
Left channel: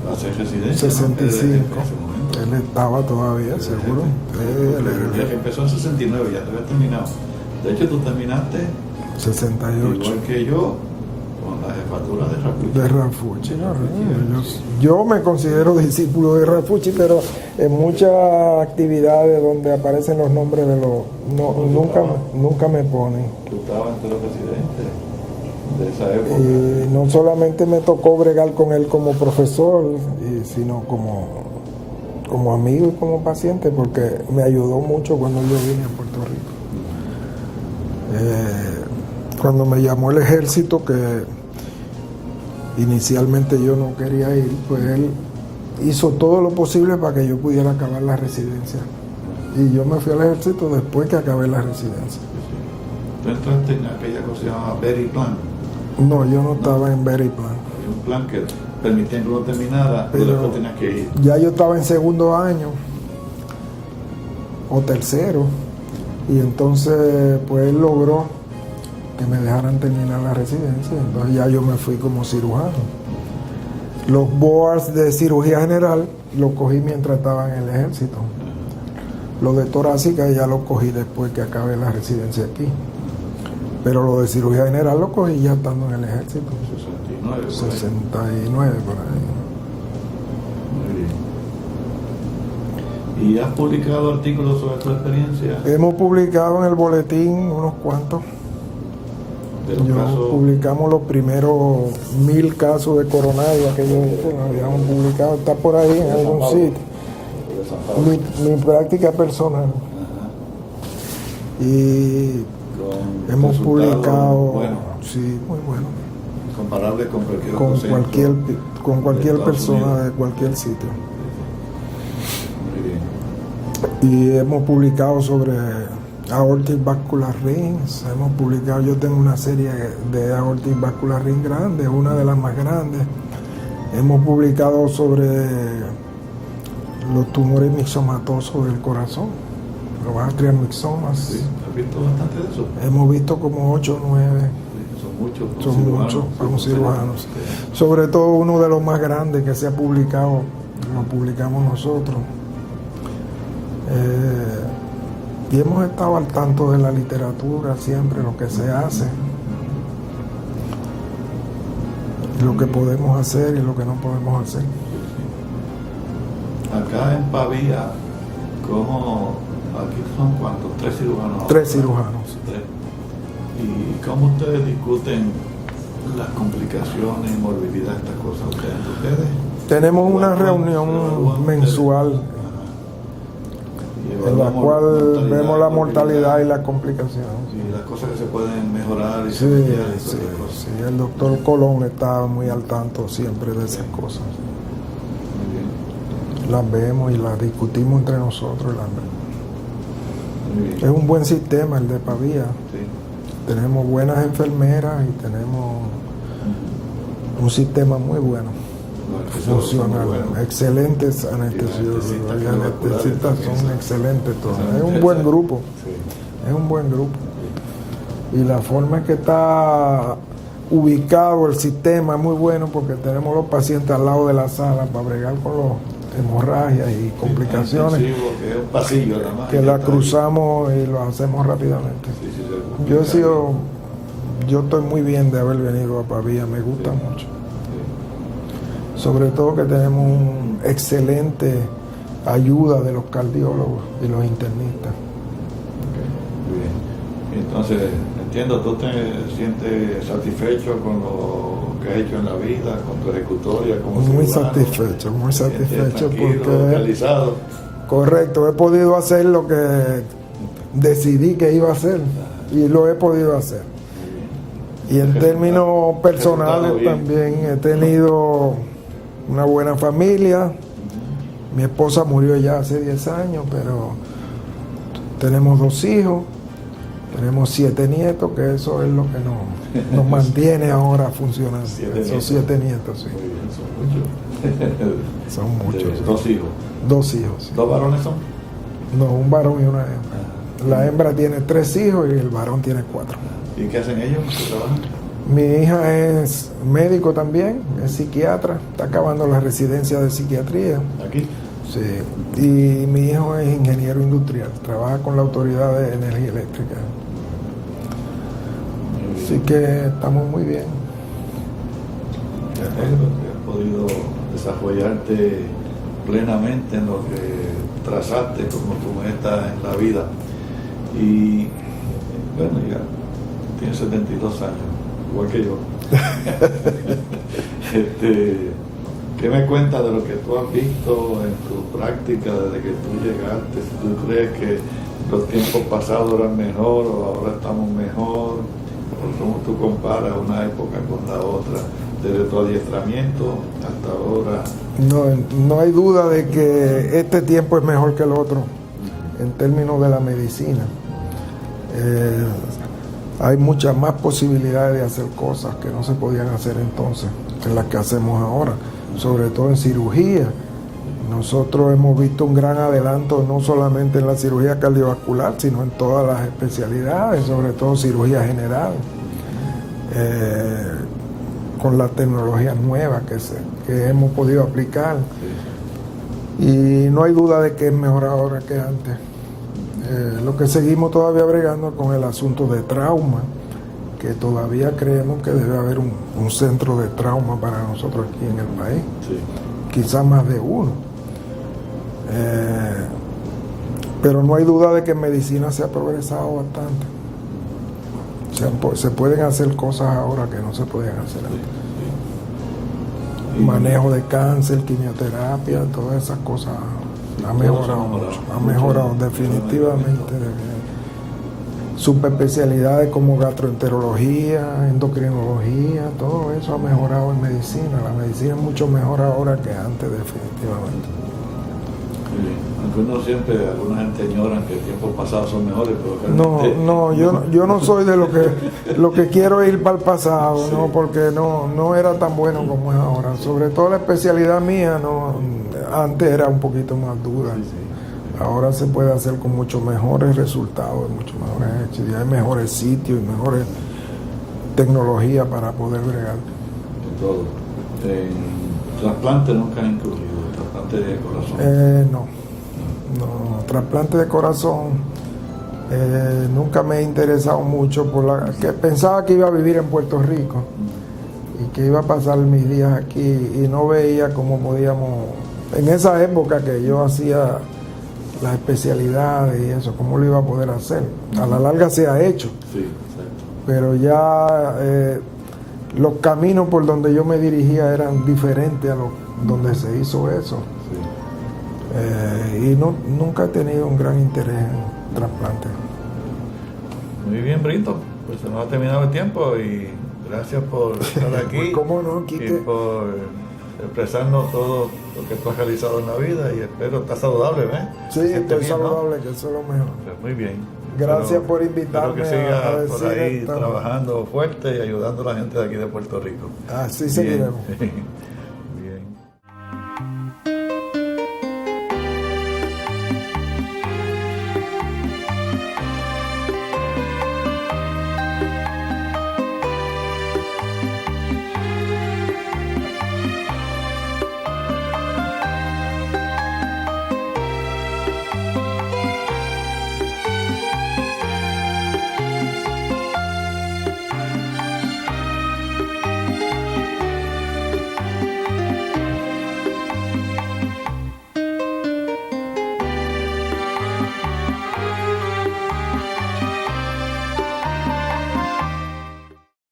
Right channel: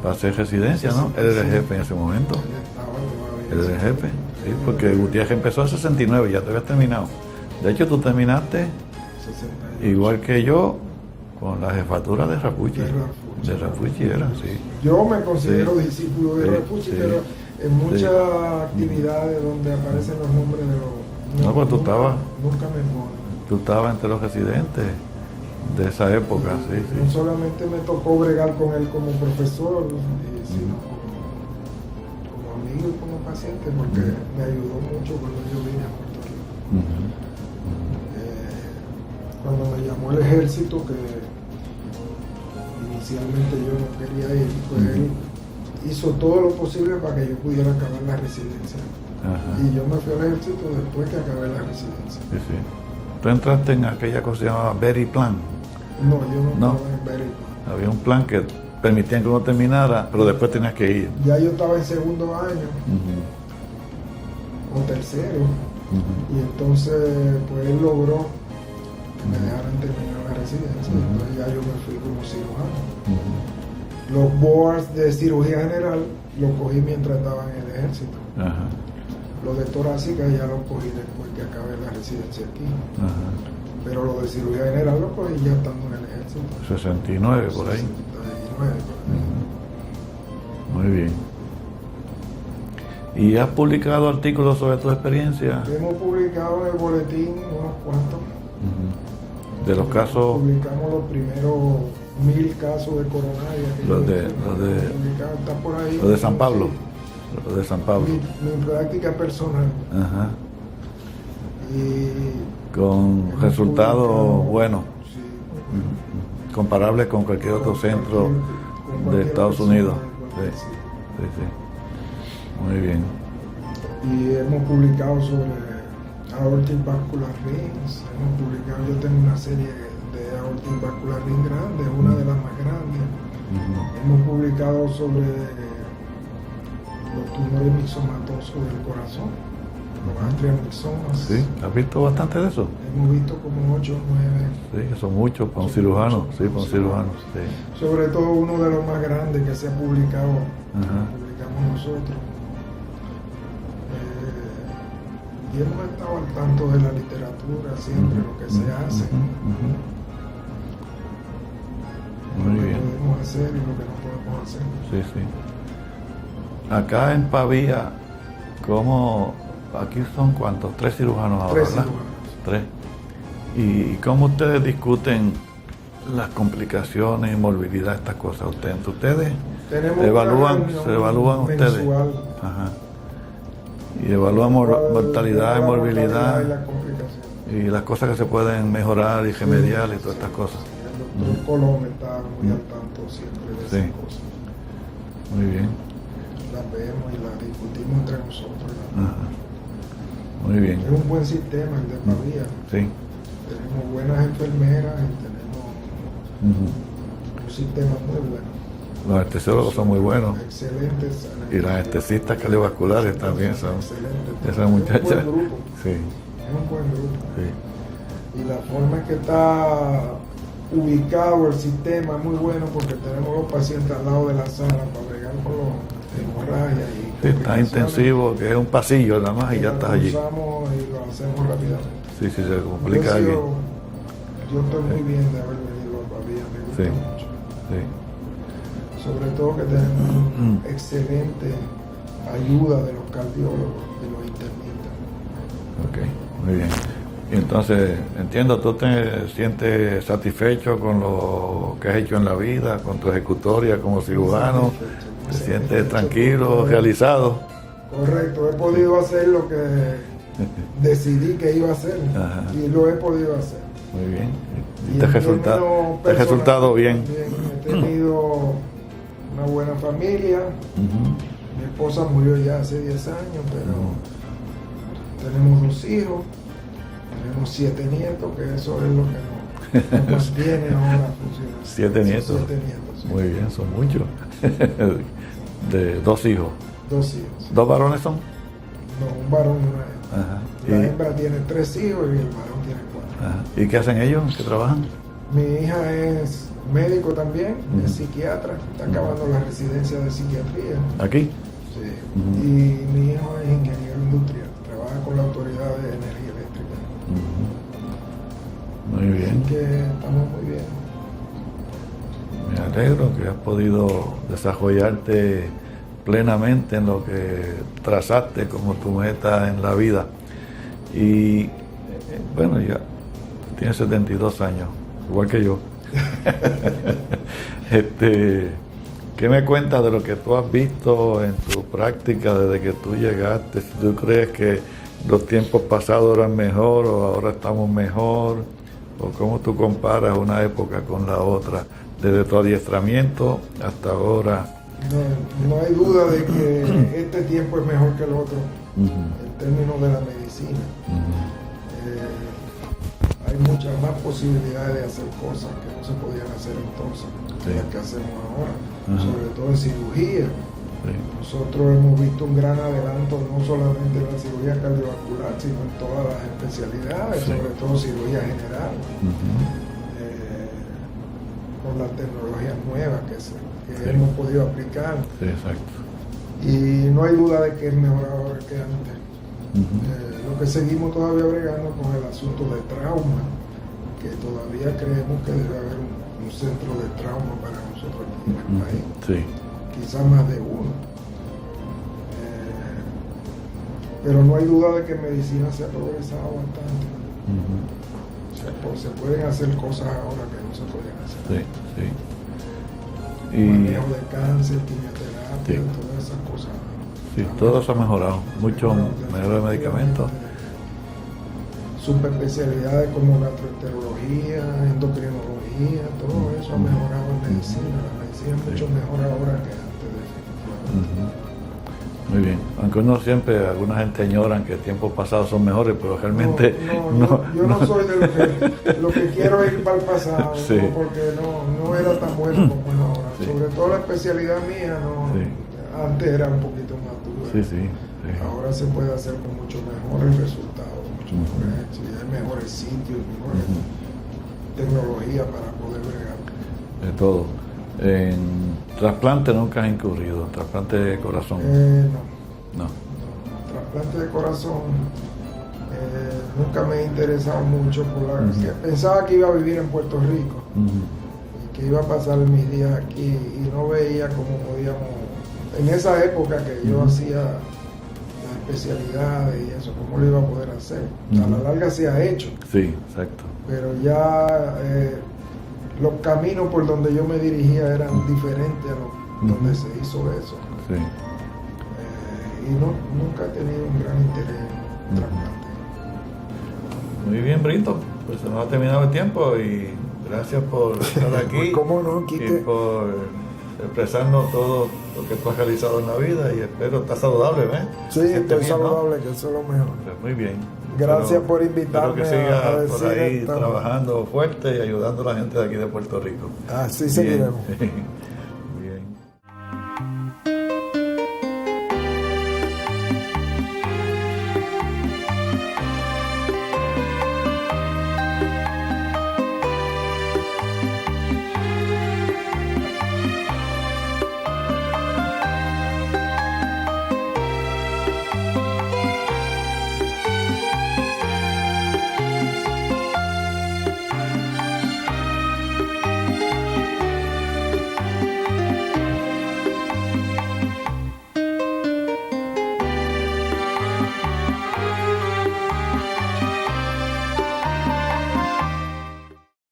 para hacer residencia, ¿no? 65. Él era el jefe en ese momento. Él estaba todavía. Él era el seguro. jefe. Sí, porque el día que empezó en 69 ya te habías terminado. De hecho, tú terminaste 68. igual que yo con la jefatura de Rafucci. De Rafucci. De Rafucci era, sí. Yo me considero discípulo de Rafucci, pero en muchas actividades donde aparecen los nombres de los... No, pues nunca me ponen. Tú estabas entre los residentes de esa época. Y Sí. no solamente me tocó bregar con él como profesor, sino como amigo y como paciente, porque me ayudó mucho cuando yo vine a Puerto Rico. Cuando me llamó el ejército, que inicialmente yo no quería ir, pues él hizo todo lo posible para que yo pudiera acabar la residencia. Ajá. Y yo me fui al ejército después que acabé la residencia. Sí, sí. Tú entraste en aquella cosa que se llamaba Berry Plan. No, yo no No. estaba en Berry Plan. Había un plan que permitía que uno terminara, pero después tenías que ir. Ya yo estaba en segundo año o tercero, y entonces pues él logró que me dejaran terminar la residencia. Entonces ya yo me fui como cirujano. Los boards de cirugía general los cogí mientras estaba en el ejército. Ajá. Los de torácica ya los cogí después que acabé la residencia aquí. Ajá. Pero los de cirugía general los cogí ya estando en el ejército. 69 por ahí. 69 por ahí. Muy bien. ¿Y has publicado artículos sobre tu experiencia? Hemos publicado en el boletín unos cuantos. De los casos. Publicamos los primeros 1000 casos de coronario que Los de- habíamos publicado. Está por ahí Los de en San un Pablo. sitio. Los de San Pablo. Mi práctica personal. Ajá. Y Con hemos resultados publicado, buenos, sí, muy bueno, comparables con cualquier otro con centro. cualquier Estados persona Unidos. de cualquier sitio. Sí, sí. Muy bien. Y hemos publicado sobre aortic vascular rings. Hemos publicado, yo tengo una serie de aortic vascular ring grandes, una de las más grandes. Hemos publicado sobre los tumores mixomatosos del corazón, los atriomixomas. Sí, ¿has visto bastante de eso? Hemos visto como 8 o 9. Sí, que son muchos, como Son cirujanos. muchos, sí, como como cirujanos. Sí. Sobre todo uno de los más grandes que se ha publicado, lo publicamos nosotros. Y hemos estado al tanto de la literatura, siempre lo que se hace, lo Muy que bien. podemos hacer y lo que no podemos hacer. Sí, sí. Acá en Pavía, ¿cómo? Aquí son cuántos? 3 cirujanos. 3 ahora, ¿verdad? cirujanos. 3. ¿Y cómo ustedes discuten las complicaciones, morbilidad, estas cosas? ¿Ustedes? Tenemos una ¿Se reunión evalúan ustedes? mensual Ajá. Y en la evaluamos cual mortalidad, vemos la mortalidad morbilidad y la complicación. y las cosas que se pueden mejorar y Sí, remediar y todas sí, esas cosas. sí, el doctor Colón está muy al tanto siempre de esas Sí. cosas. Muy bien. Las vemos y las discutimos entre nosotros. Muy bien. Es un buen sistema el de Pavía. Sí. Tenemos buenas enfermeras y tenemos un sistema muy bueno. Los anestesiólogos son muy Funciona. buenos. Excelentes anestesiólogos. anestesistas Y cardiovasculares anestesistas también son son- excelentes todos. Esa Es un muchacha- buen grupo. Sí, Es un buen grupo. sí. Y la forma en que está ubicado el sistema es muy bueno porque tenemos los pacientes al lado de la sala para bregar con los hemorragias y Sí, está complicaciones. intensivo, que es un pasillo nada más. y Que ya la está allí. cruzamos y lo hacemos rápidamente. Sí, sí, se Yo complica he sido, allí. yo estoy muy bien de haber venido a Pavía, me gusta Sí. mucho. Sí. Sobre todo que tenemos un excelente ayuda de los cardiólogos y los internistas. Ok, muy bien. Y entonces, entiendo, tú te sientes satisfecho con lo que has hecho en la vida, con tu ejecutoria como Muy cirujano. satisfecho, muy Te sientes satisfecho. tranquilo, porque- realizado. Correcto, he podido hacer lo que decidí que iba a hacer Ajá. y lo he podido hacer. Muy bien. Y en ¿Te términos te ha resultado personales bien? también he tenido una buena familia. Ujú. Mi esposa murió ya hace 10 años, pero tenemos 2 hijos, tenemos 7 nietos, que eso es lo que nos mantiene ahora funcionando. 7 Esos nietos. 7 nietos, sí. Muy bien, son muchos. Son muchos. De 2 hijos. 2 hijos. ¿2 varones son? No, un varón y una hembra. Ajá. La ¿Y- hembra tiene 3 hijos y el varón tiene 4. ajá. ¿Y qué hacen ellos? ¿Qué trabajan? Mi hija es médico también, es psiquiatra, está acabando la residencia de psiquiatría. ¿Aquí? Sí. Y mi hijo es ingeniero industrial, trabaja con la Autoridad de Energía Eléctrica. Muy bien. Así que estamos muy bien. Me alegro que has podido desarrollarte plenamente en lo que trazaste como tu meta en la vida. Y bueno, ya tienes 72 años, igual que yo. ¿Qué me cuentas de lo que tú has visto en tu práctica desde que tú llegaste? Si tú crees que los tiempos pasados eran mejor o ahora estamos mejor, o cómo tú comparas una época con la otra, desde tu adiestramiento hasta ahora. No hay duda de que este tiempo es mejor que el otro en términos de la medicina. Hay muchas más posibilidades de hacer cosas que no se podían hacer entonces que las que hacemos ahora, sobre todo en cirugía. Nosotros hemos visto un gran adelanto no solamente en la cirugía cardiovascular, sino en todas las especialidades, sobre todo cirugía general, con las tecnologías nuevas que hemos podido aplicar. Y no hay duda de que es mejor ahora que antes. Lo que seguimos todavía bregando con el asunto de trauma, que todavía creemos que debe haber un centro de trauma para nosotros aquí en el país, quizás más de uno. Pero no hay duda de que en medicina se ha progresado bastante. Se pueden hacer cosas ahora que no se podían hacer antes. Manejo de cáncer, quimioterapia, todas esas cosas. Todo se ha mejorado. Ha mejorado definitivamente. Subespecialidades como gastroenterología, endocrinología, todo eso ha mejorado en medicina. La medicina es mucho mejor ahora que antes, definitivamente. Muy bien. Aunque uno siempre, alguna gente añoran que tiempos pasados son mejores, pero realmente... Yo no soy de lo que quiero ir para el pasado, ¿no? Porque no era tan bueno como es ahora. Sobre todo la especialidad mía, antes era un poquito más dura. Ahora se puede hacer con muchos mejores resultados, muchos mejores hechos, y hay mejores sitios y mejores tecnologías para poder bregar. De todo. ¿Trasplante nunca has incurrido? ¿Trasplante de corazón? No, trasplante de corazón nunca me he interesado mucho que pensaba que iba a vivir en Puerto Rico y que iba a pasar mis días aquí y no veía cómo podíamos, en esa época que yo hacía las especialidades y eso, cómo lo iba a poder hacer. A la larga se ha hecho. Sí, exacto. Pero ya los caminos por donde yo me dirigía eran diferentes a donde se hizo eso. Y nunca he tenido un gran interés en trasplante. Muy bien, Brito. Pues se nos ha terminado el tiempo y gracias por estar aquí. ¿Cómo no, Quique? Y por expresarnos todo lo que tú has realizado en la vida y espero estar saludable, ¿ves? Sí, estoy saludable, ¿no? Que eso es lo mejor. Pues muy bien. Gracias por invitarme. Espero que siga a decir por ahí esto. trabajando fuerte y ayudando a la gente de aquí de Puerto Rico. Así seguiremos.